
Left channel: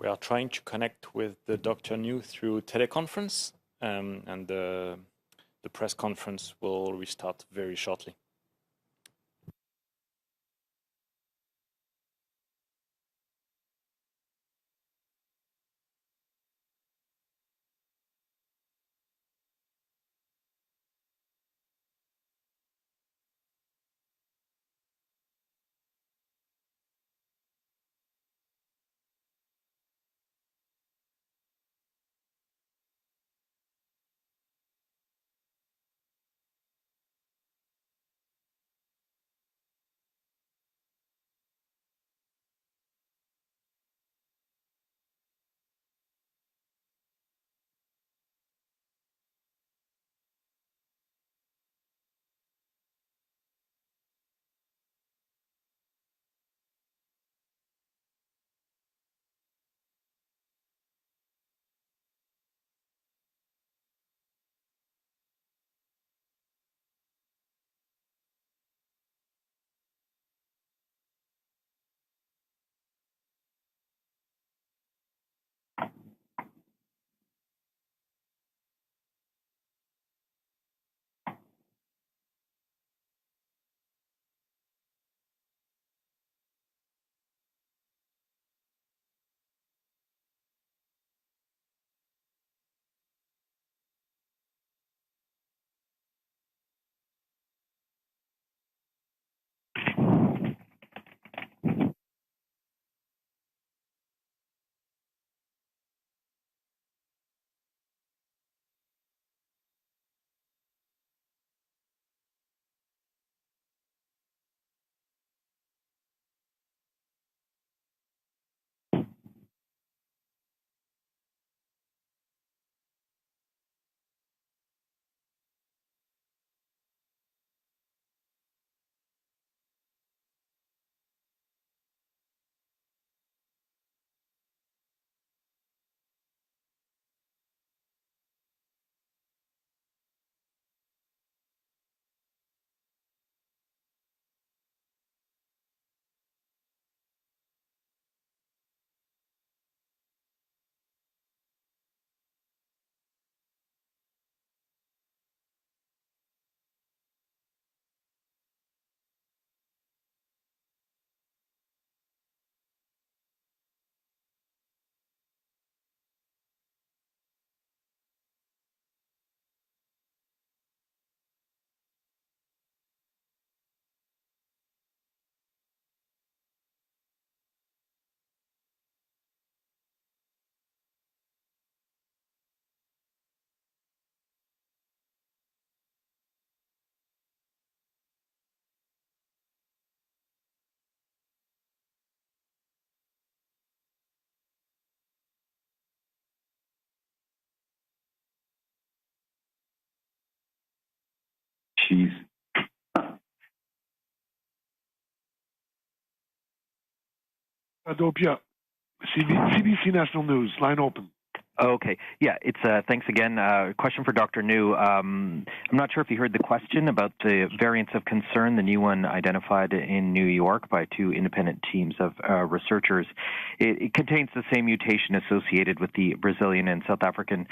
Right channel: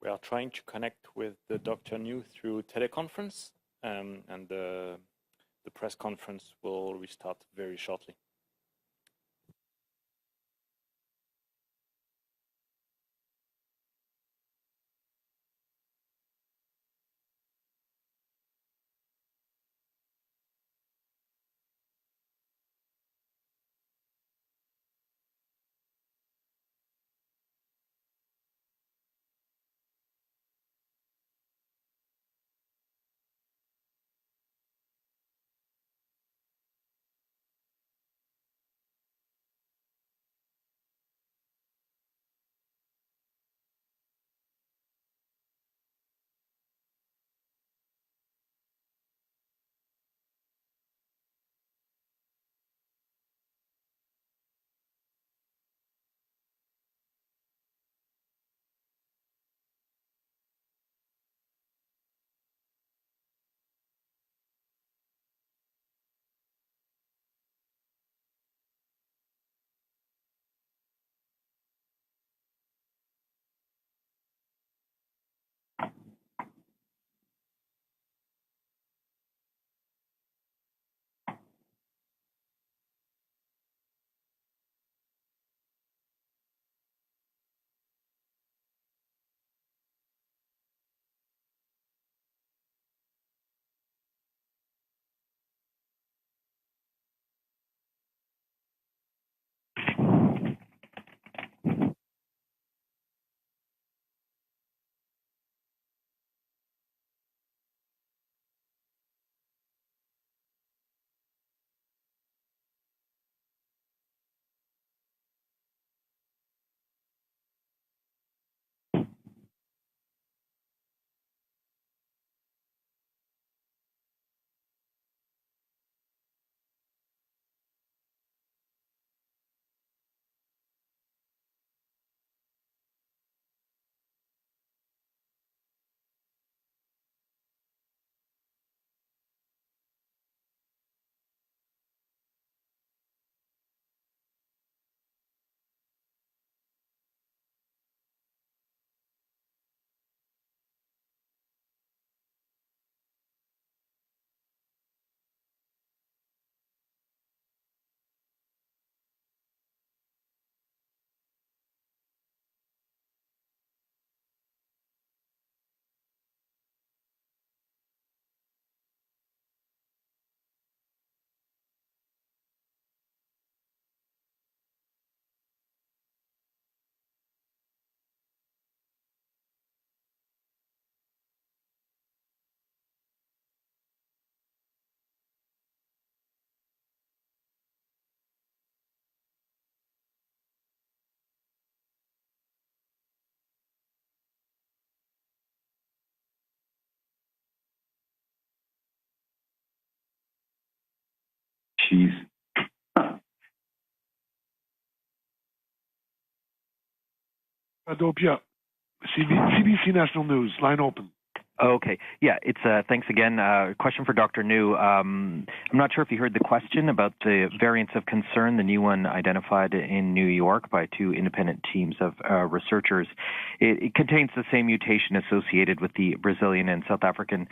We are trying to connect with the Dr. New through teleconference, and the press conference will restart very shortly. Jeez. Adopia, CBC National News, line open. Okay. Yeah, it's thanks again. Question for Dr. New. I'm not sure if you heard the question about the variants of concern, the new one identified in New York by two independent teams of researchers. It contains the same mutation associated with the Brazilian and South African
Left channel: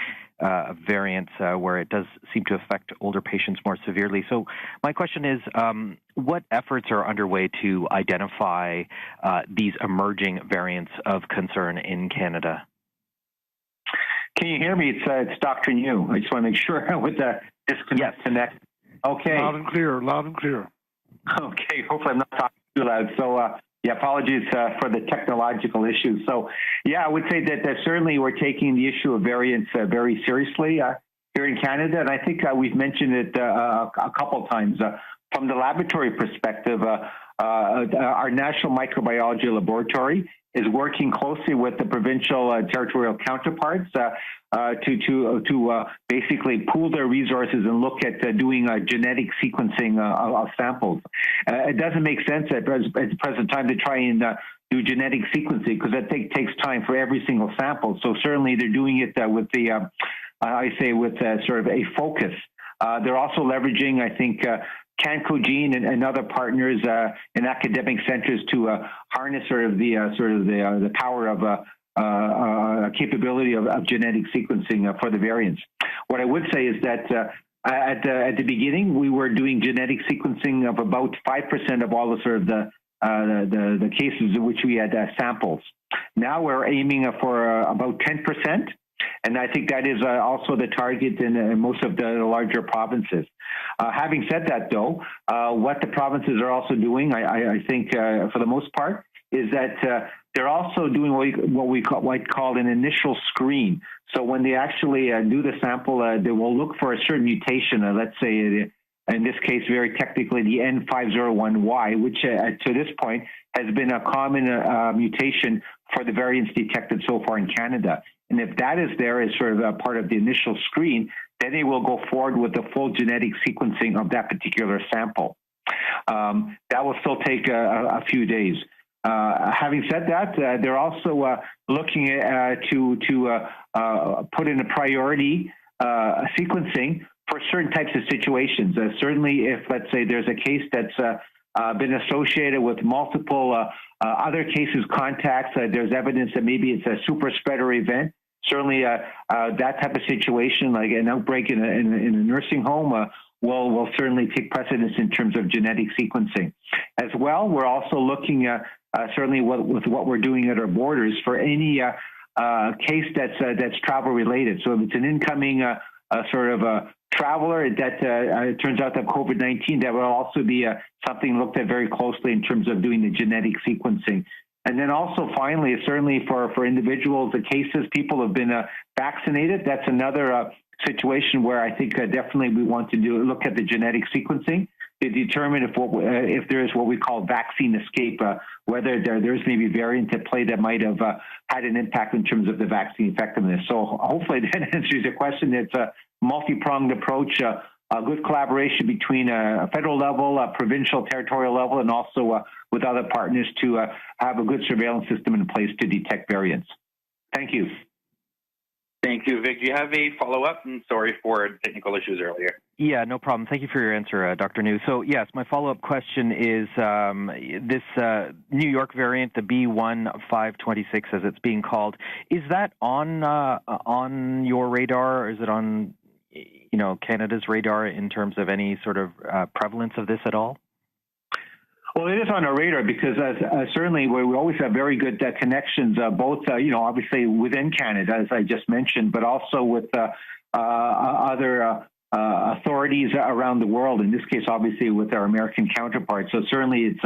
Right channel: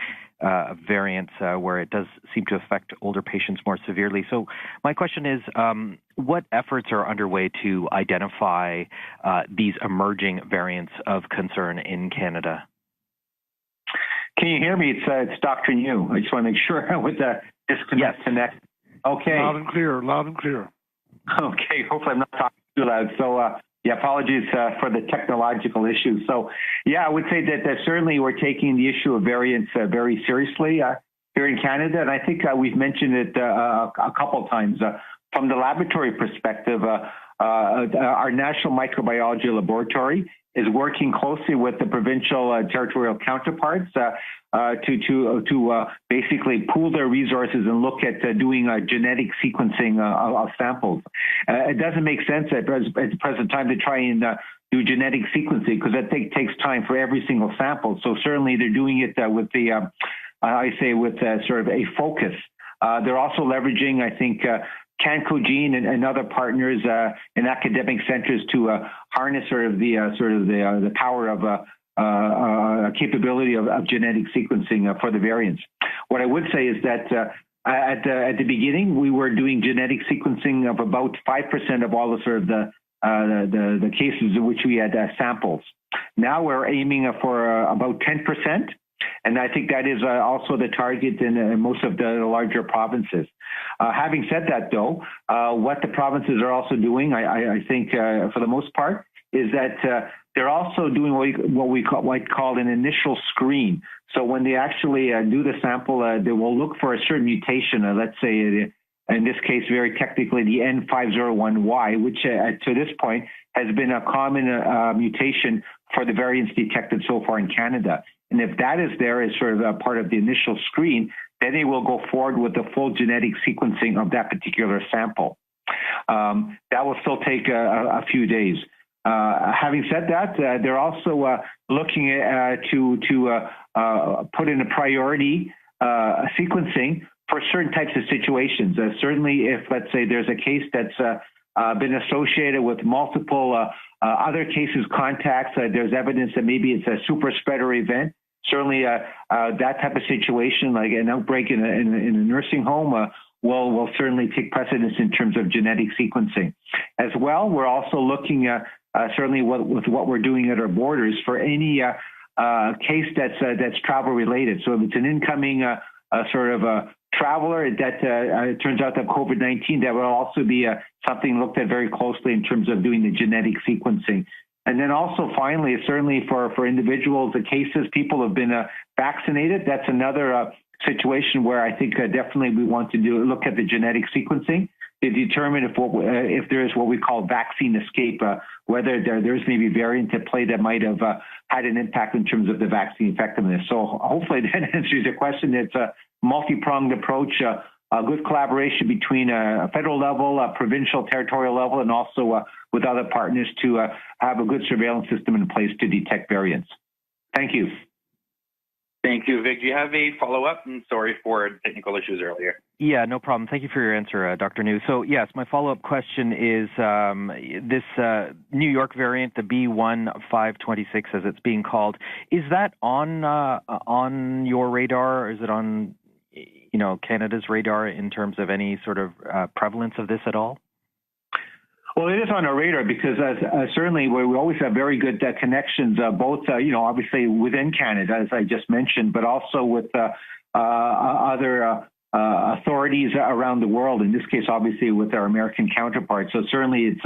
variants, where it does seem to affect older patients more severely. So my question is, what efforts are underway to identify these emerging variants of concern in Canada? Can you hear me? It's Dr. New. I just want to make sure I was disconnect. Yes. Okay. Loud and clear, loud and clear. Okay, hopefully I'm not talking too loud. So, apologies for the technological issue. So, I would say that certainly we're taking the issue of variants very seriously here in Canada. And I think we've mentioned it a couple of times. From the laboratory perspective, our National Microbiology Laboratory is working closely with the provincial and territorial counterparts to basically pool their resources and look at doing genetic sequencing of samples. It doesn't make sense at the present time to try and do genetic sequencing because I think it takes time for every single sample. So certainly they're doing it with sort of a focus. They're also leveraging, I think, Cancogene and other partners in academic centers to harness the power of capability of genetic sequencing for the variants. What I would say is that at the beginning, we were doing genetic sequencing of about 5% of all the sort of the cases in which we had samples. Now we're aiming for about 10%, and I think that is also the target in most of the larger provinces. Having said that, though, what the provinces are also doing, I think for the most part, is that they're also doing what we call an initial screen. So when they actually do the sample, they will look for a certain mutation, let's say, in this case, very technically, the N501Y, which to this point has been a common mutation for the variants detected so far in Canada. And if that is there as sort of a part of the initial screen, then they will go forward with the full genetic sequencing of that particular sample. That will still take a few days. Having said that, they're also looking to put in a priority sequencing for certain types of situations. Certainly, if, let's say, there's a case that's been associated with multiple other cases, contacts, there's evidence that maybe it's a super spreader event. Certainly, that type of situation, like an outbreak in a nursing home, will certainly take precedence in terms of genetic sequencing. As well, we're also looking at certainly with what we're doing at our borders for any case that's travel related. So if it's an incoming sort of a traveler that it turns out that COVID-19, that will also be something looked at very closely in terms of doing the genetic sequencing. And then also finally, certainly for individuals, the cases, people have been vaccinated. That's another situation where I think definitely we want to look at the genetic sequencing to determine if there is what we call vaccine escape, whether there's maybe variant at play that might have had an impact in terms of the vaccine effectiveness. So hopefully that answers your question. It's a multi-pronged approach, a good collaboration between a federal level, a provincial, territorial level, and also with other partners to have a good surveillance system in place to detect variants. Thank you. Thank you, Vic. Do you have a follow-up? And sorry for technical issues earlier. Yeah, no problem. Thank you for your answer, Dr. New. So, yes, my follow-up question is this New York variant, the B.1.526, as it's being called, is that on your radar, or is it on Canada's radar in terms of any sort of prevalence of this at all? Well, it is on our radar because certainly we always have very good connections, both, obviously within Canada, as I just mentioned, but also with other authorities around the world, in this case, obviously with our American counterparts. So certainly it's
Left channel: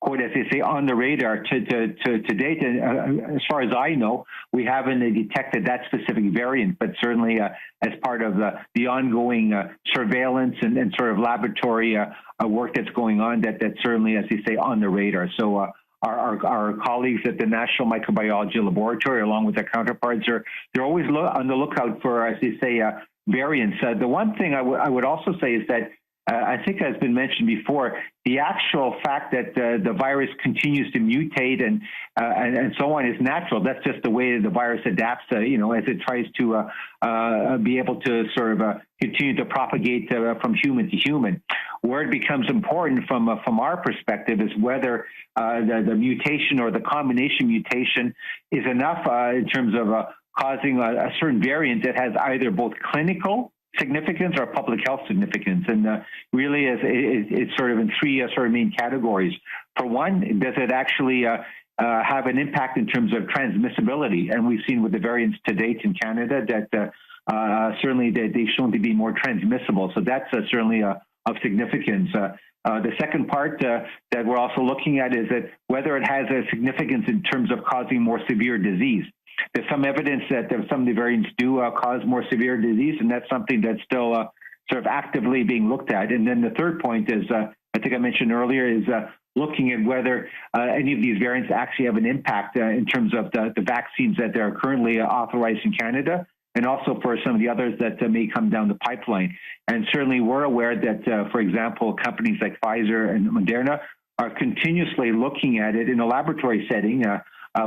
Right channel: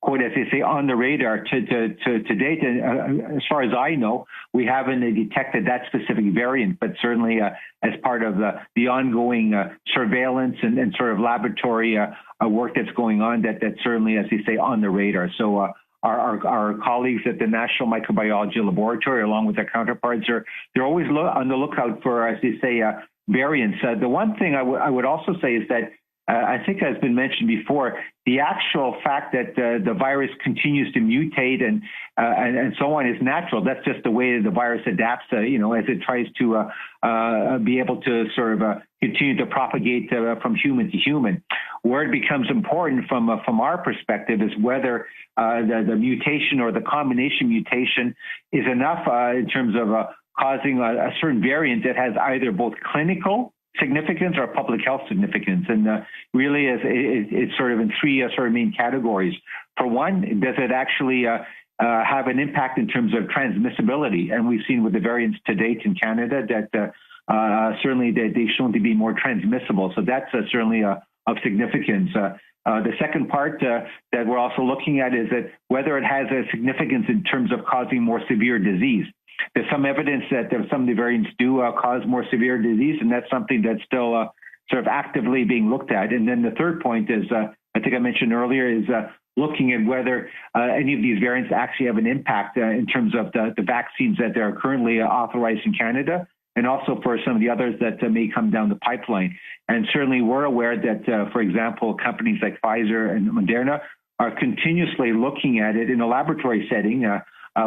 quite, as they say, on the radar to date. And as far as I know, we haven't detected that specific variant, but certainly as part of the ongoing surveillance and sort of laboratory work that's going on, that's certainly, as they say, on the radar. So our colleagues at the National Microbiology Laboratory, along with their counterparts, they're always on the lookout for, as they say, variants. The one thing I would also say is that I think has been mentioned before, the actual fact that the virus continues to mutate and so on is natural. That's just the way the virus adapts, as it tries to be able to sort of continue to propagate from human to human. Where it becomes important from our perspective is whether the mutation or the combination mutation is enough in terms of causing a certain variant that has either both clinical significance or public health significance, and really it's sort of in three sort of main categories. For one, does it actually have an impact in terms of transmissibility? And we've seen with the variants to date in Canada that certainly they've shown to be more transmissible. So that's certainly of significance. The second part that we're also looking at is that whether it has a significance in terms of causing more severe disease. There's some evidence that some of the variants do cause more severe disease, and that's something that's still sort of actively being looked at. And then the third point is, I think I mentioned earlier, is looking at whether any of these variants actually have an impact in terms of the vaccines that are currently authorized in Canada, and also for some of the others that may come down the pipeline. And certainly we're aware that, for example, companies like Pfizer and Moderna are continuously looking at it in a laboratory setting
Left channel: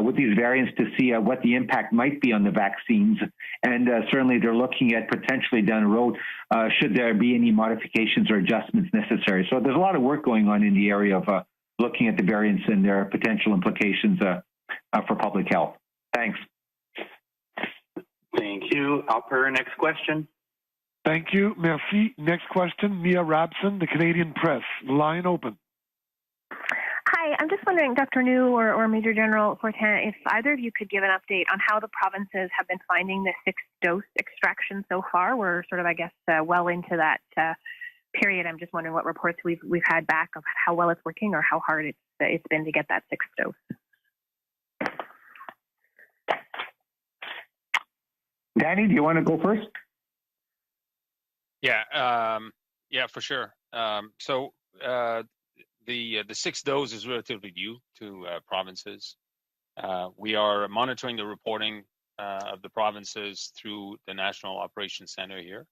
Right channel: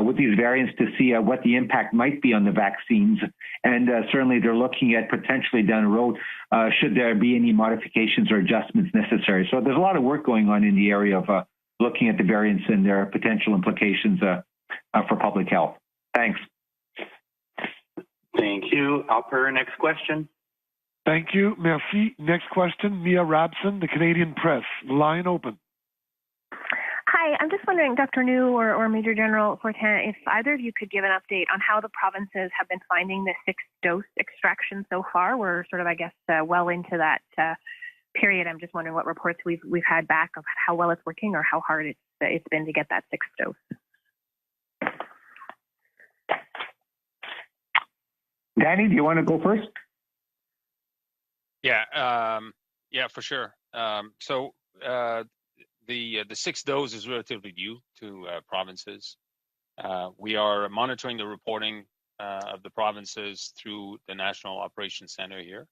with these variants to see what the impact might be on the vaccines. And certainly they're looking at potentially down the road, should there be any modifications or adjustments necessary. So there's a lot of work going on in the area of looking at the variants and their potential implications for public health. Thanks. New. Operator, next question. Thank you. Merci. Next question, Mia Rabson, the Canadian Press. Line open. Hi, I'm just wondering, Dr. New or Major General Fortin, if either of you could give an update on how the provinces have been finding the sixth dose extraction so far. We're sort of, I guess, well into that period. I'm just wondering what reports we've had back of how well it's working or how hard it's been to get that sixth dose. Danny, do you want to go first? Yeah, for sure. The sixth dose is relatively new to provinces. We are monitoring the reporting of the provinces through the National Operations Center here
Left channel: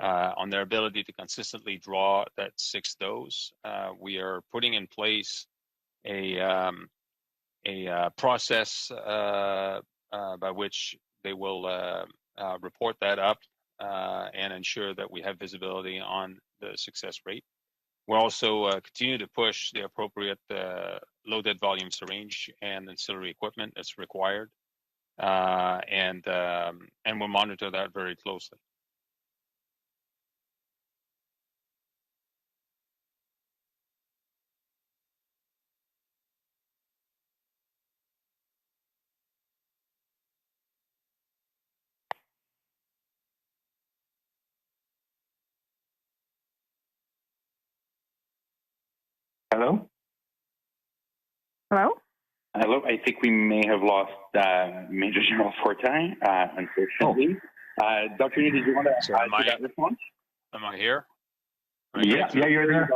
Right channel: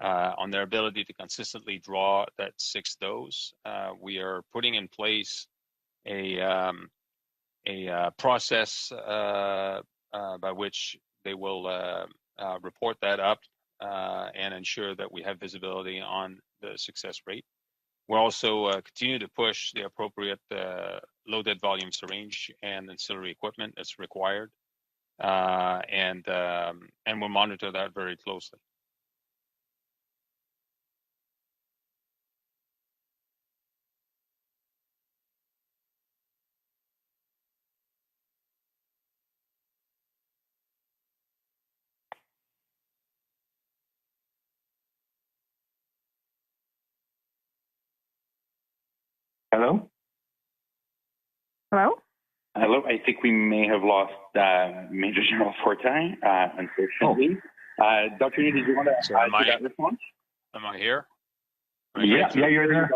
on their ability to consistently draw that sixth dose. We are putting in place a process by which they will report that up and ensure that we have visibility on the success rate. We'll also continue to push the appropriate loaded volume syringe and ancillary equipment that's required, and we'll monitor that very closely. Hello? Hello? Hello, I think we may have lost Major General Fortin, unfortunately. Dr. Lee, did you want to add to that response? Am I here? Yeah, you're there.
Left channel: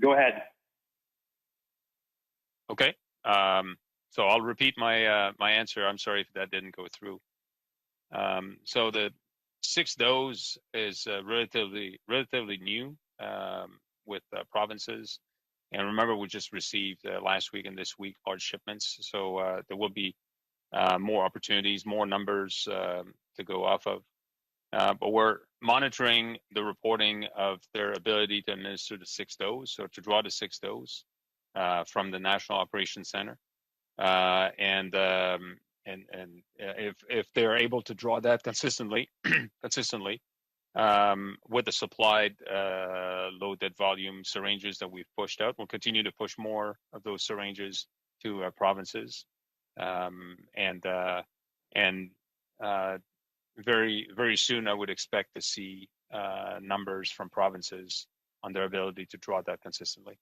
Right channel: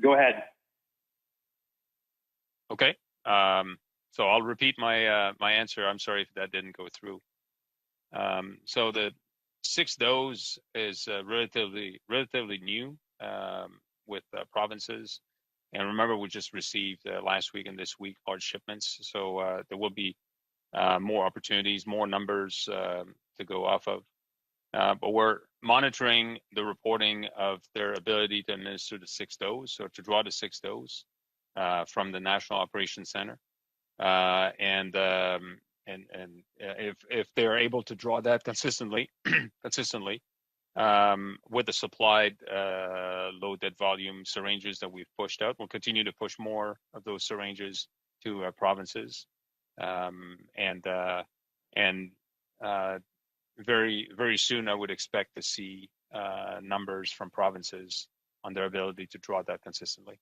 Go ahead. Okay. So I'll repeat my answer. I'm sorry if that didn't go through. So the sixth dose is relatively new with provinces. And remember, we just received last week and this week large shipments. So there will be more opportunities, more numbers to go off of. But we're monitoring the reporting of their ability to administer the sixth dose or to draw the sixth dose from the National Operations Center. And if they're able to draw that consistently, with the supplied loaded volume syringes that we've pushed out, we'll continue to push more of those syringes to provinces, and very, very soon I would expect to see numbers from provinces on their ability to draw that consistently.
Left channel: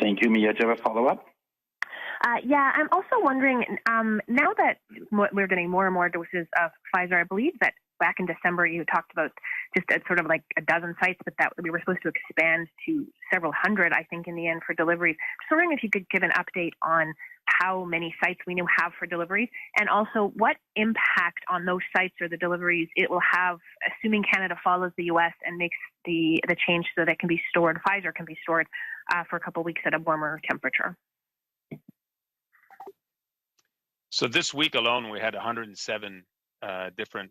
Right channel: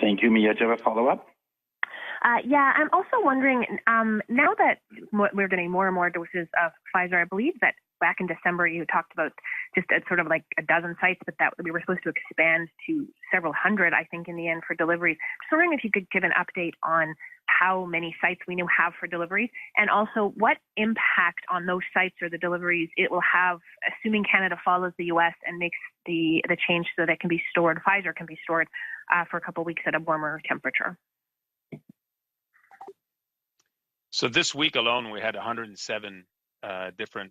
Thank you, Mia. Do you have a follow-up? Yeah, I'm also wondering, now that we're getting more and more doses of Pfizer, I believe that back in December you talked about just at sort of like a dozen sites, but that we were supposed to expand to several hundred, I think, in the end for deliveries. Just wondering if you could give an update on how many sites we now have for deliveries, and also what impact on those sites or the deliveries it will have, assuming Canada follows the U.S. and makes the change so that it can be stored, Pfizer can be stored for a couple of weeks at a warmer temperature. So this week alone, we had 107 different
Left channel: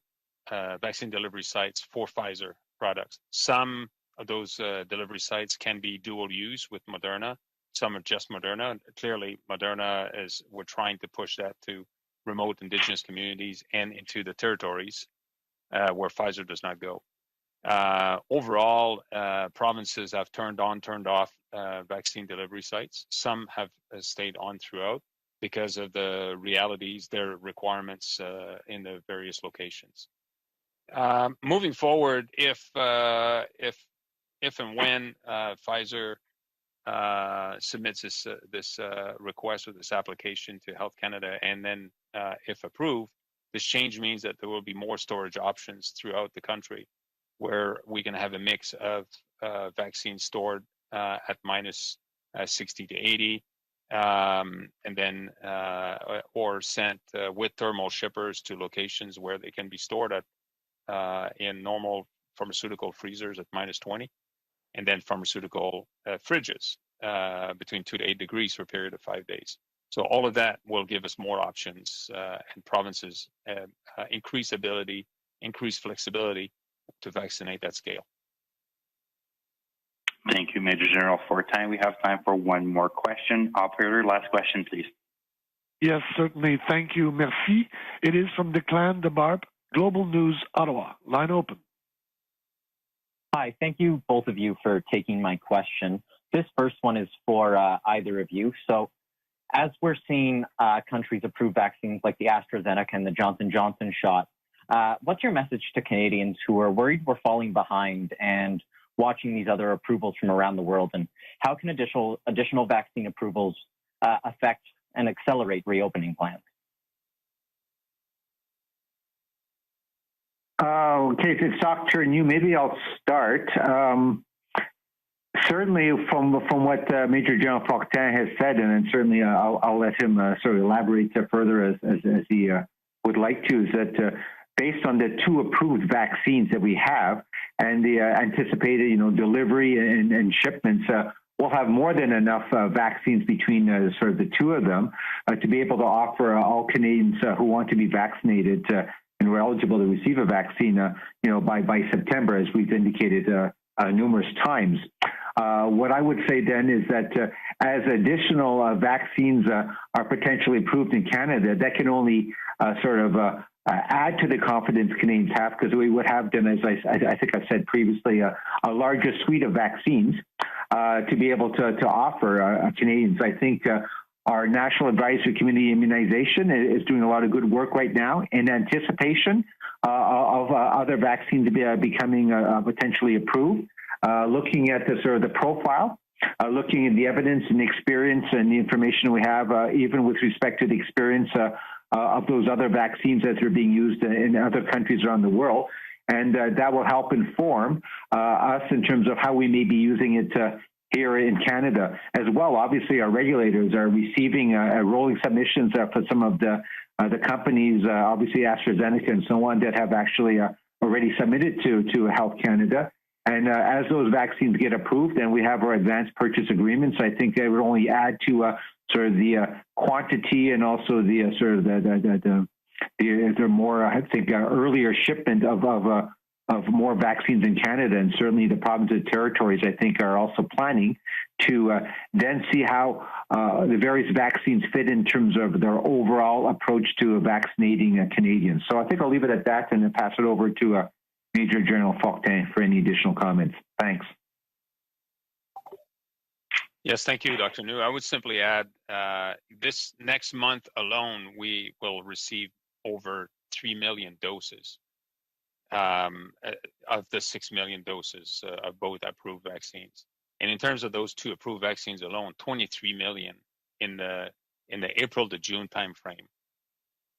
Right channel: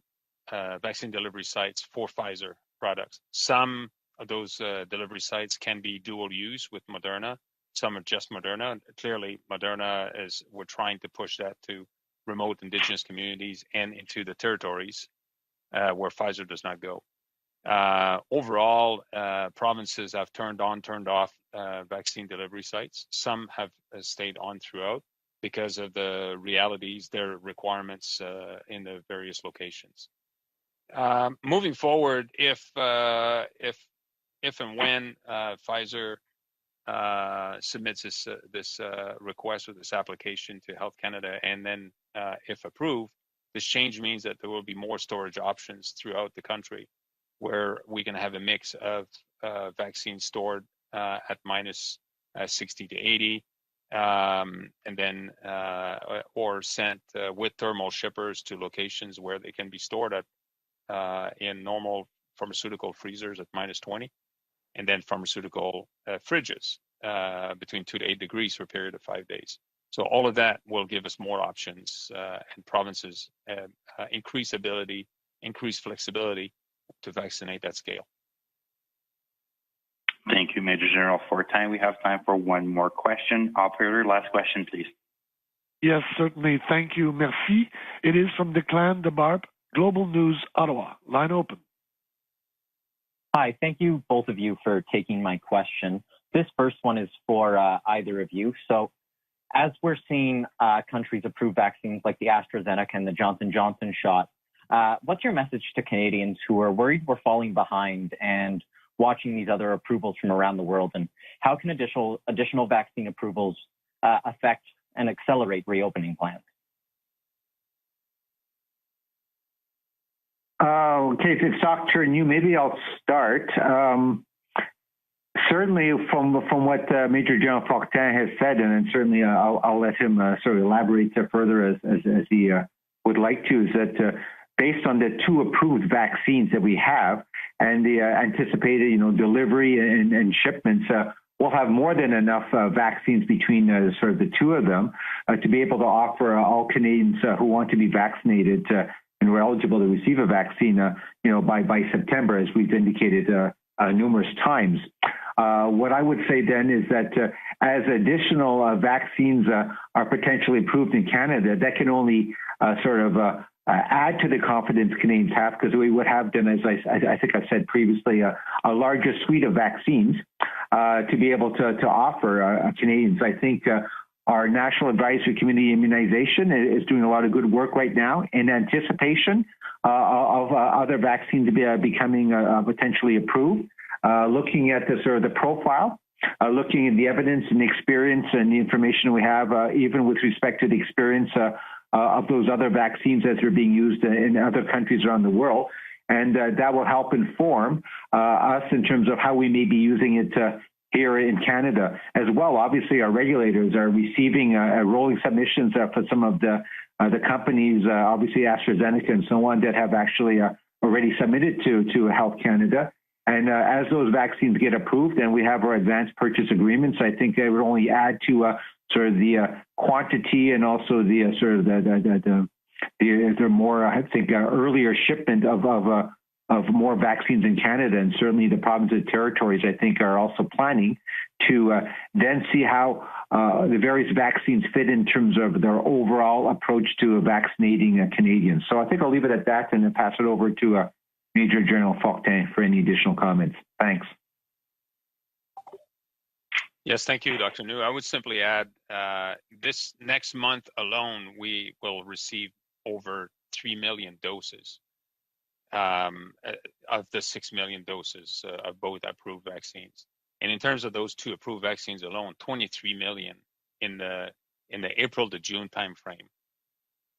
vaccine delivery sites for Pfizer products. Some of those delivery sites can be dual use with Moderna. Some are just Moderna. Clearly, Moderna we're trying to push that to remote Indigenous communities and into the territories where Pfizer does not go. Overall, provinces have turned on, turned off vaccine delivery sites. Some have stayed on throughout because of the realities, their requirements in the various locations. Moving forward, if and when Pfizer submits this request or this application to Health Canada, and then if approved, this change means that there will be more storage options throughout the country, where we can have a mix of vaccines stored at minus 60 to 80, and then or sent with thermal shippers to locations where they can be stored at in normal pharmaceutical freezers at minus 20, and then pharmaceutical fridges between 2 to 8 degrees for a period of 5 days. So all of that will give us more options, and provinces increase flexibility to vaccinate that scale. Thank you, Major General Fortin. We have time for one more question. Operator, last question, please. Yes, certainly. Thank you. Merci. It is from Declan de Barbe, Global News, Ottawa. Line open. Hi, thank you both of you for taking my question. This first one is for either of you. So as we're seeing countries approve vaccines like the AstraZeneca and the Johnson & Johnson shot, what's your message to Canadians who are worried we're falling behind and watching these other approvals from around the world? And how can additional vaccine approvals affect and accelerate reopening plans? Okay, if it's Dr. New, maybe I'll start. Certainly, from what Major General Fortin has said, and certainly I'll let him sort of elaborate further as he would like to, is that based on the 2 approved vaccines that we have and the anticipated, delivery and shipments, we'll have more than enough vaccines between sort of the 2 of them to be able to offer all Canadians who want to be vaccinated and who are eligible to receive a vaccine, by September, as we've indicated numerous times. What I would say then is that as additional vaccines are potentially approved in Canada, that can only sort of add to the confidence Canadians have, because we would have then, as I think I've said previously, a larger suite of vaccines to be able to offer Canadians. I think our National Advisory Committee Immunization is doing a lot of good work right now in anticipation of other vaccines becoming potentially approved. Looking at the sort of the profile, looking at the evidence and the experience and the information we have, even with respect to the experience of those other vaccines as they're being used in other countries around the world. And that will help inform us in terms of how we may be using it here in Canada as well. Obviously, our regulators are receiving rolling submissions for some of the companies, obviously AstraZeneca and so on, that have actually already submitted to Health Canada. And as those vaccines get approved and we have our advanced purchase agreements, I think they would only add to sort of the quantity and also the sort of the more, I think, earlier shipment of more vaccines in Canada. And certainly the provinces and territories, I think, are also planning to then see how the various vaccines fit in terms of their overall approach to vaccinating Canadians. So I think I'll leave it at that and then pass it over to Major General Fortin for any additional comments. Thanks. Yes, thank you, Dr. New. I would simply add, this next month alone, we will receive over 3 million doses of the 6 million doses of both approved vaccines. And in terms of those 2 approved vaccines alone, 23 million in the April to June timeframe.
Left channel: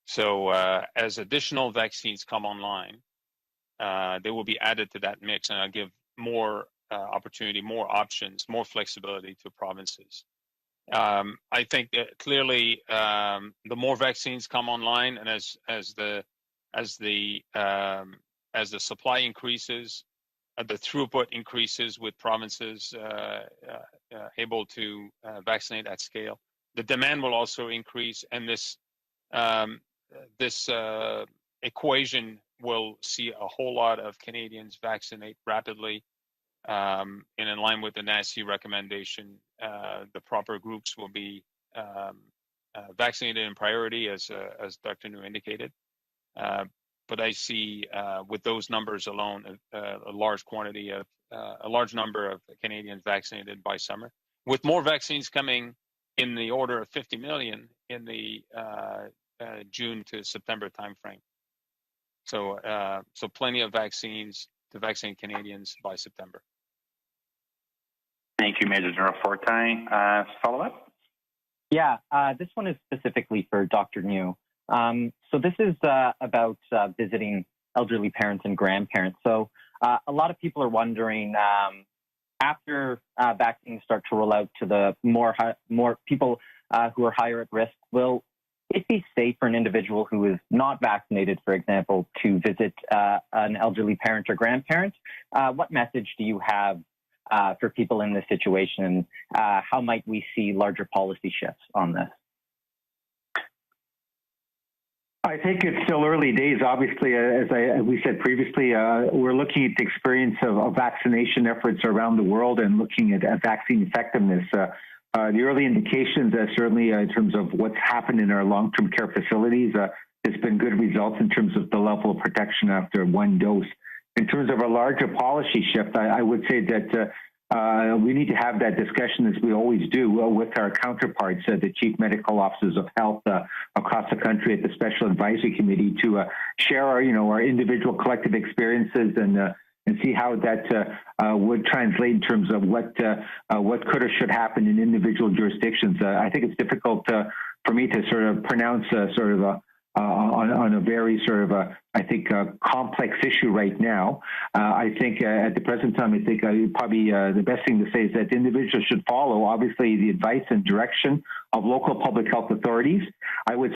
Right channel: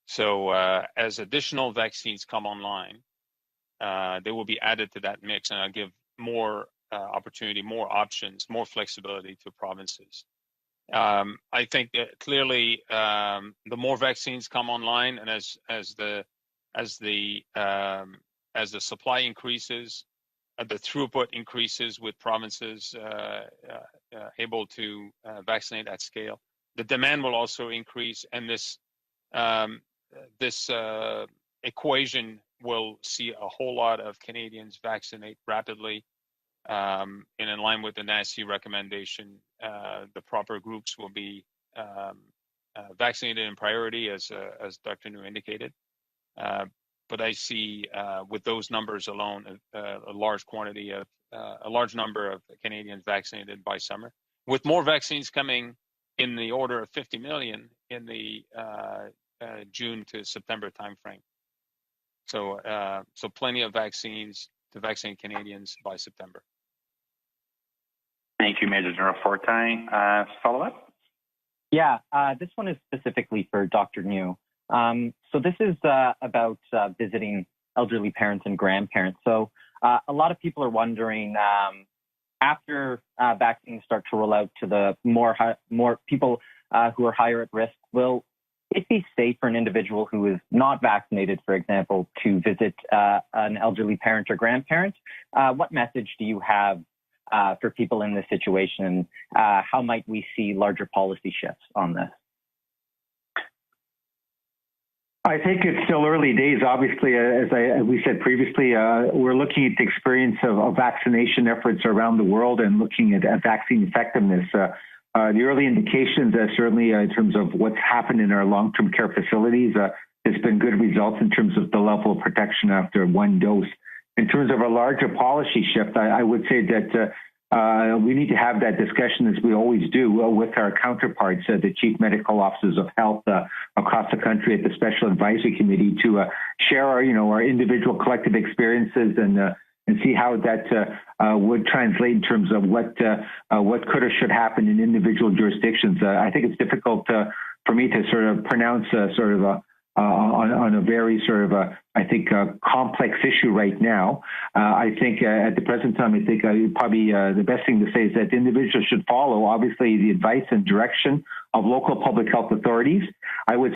So as additional vaccines come online, they will be added to that mix, and I'll give more opportunity, more options, more flexibility to provinces. I think that clearly the more vaccines come online, and as the supply increases, the throughput increases with provinces able to vaccinate at scale, the demand will also increase, and this equation will see a whole lot of Canadians vaccinate rapidly. And in line with the NACI recommendation, the proper groups will be vaccinated in priority, as Dr. New indicated. But I see with those numbers alone, a large number of Canadians vaccinated by summer, with more vaccines coming in the order of 50 million in the June to September timeframe. So plenty of vaccines to vaccinate Canadians by September. Thank you, Major General Fortin. Follow-up? Yeah, this one is specifically for Dr. New. So this is about visiting elderly parents and grandparents. So a lot of people are wondering, after vaccines start to roll out to the more people who are higher at risk, will it be safe for an individual who is not vaccinated, for example, to visit an elderly parent or grandparent? What message do you have for people in this situation? How might we see larger policy shifts on this? I think it's still early days. Obviously, as we said previously, we're looking at the experience of vaccination efforts around the world and looking at vaccine effectiveness. the early indications, certainly in terms of what's happened in our long-term care facilities, has been good results in terms of the level of protection after one dose. In terms of a larger policy shift, I would say that we need to have that discussion, as we always do, with our counterparts, the chief medical officers of health across the country at the Special Advisory Committee, to share our individual collective experiences and see how that would translate in terms of what could or should happen in individual jurisdictions. I think it's difficult for me to sort of pronounce on a very sort of complex issue right now. I think at the present time, I think probably the best thing to say is that individuals should follow, obviously, the advice and direction of local public health authorities. I would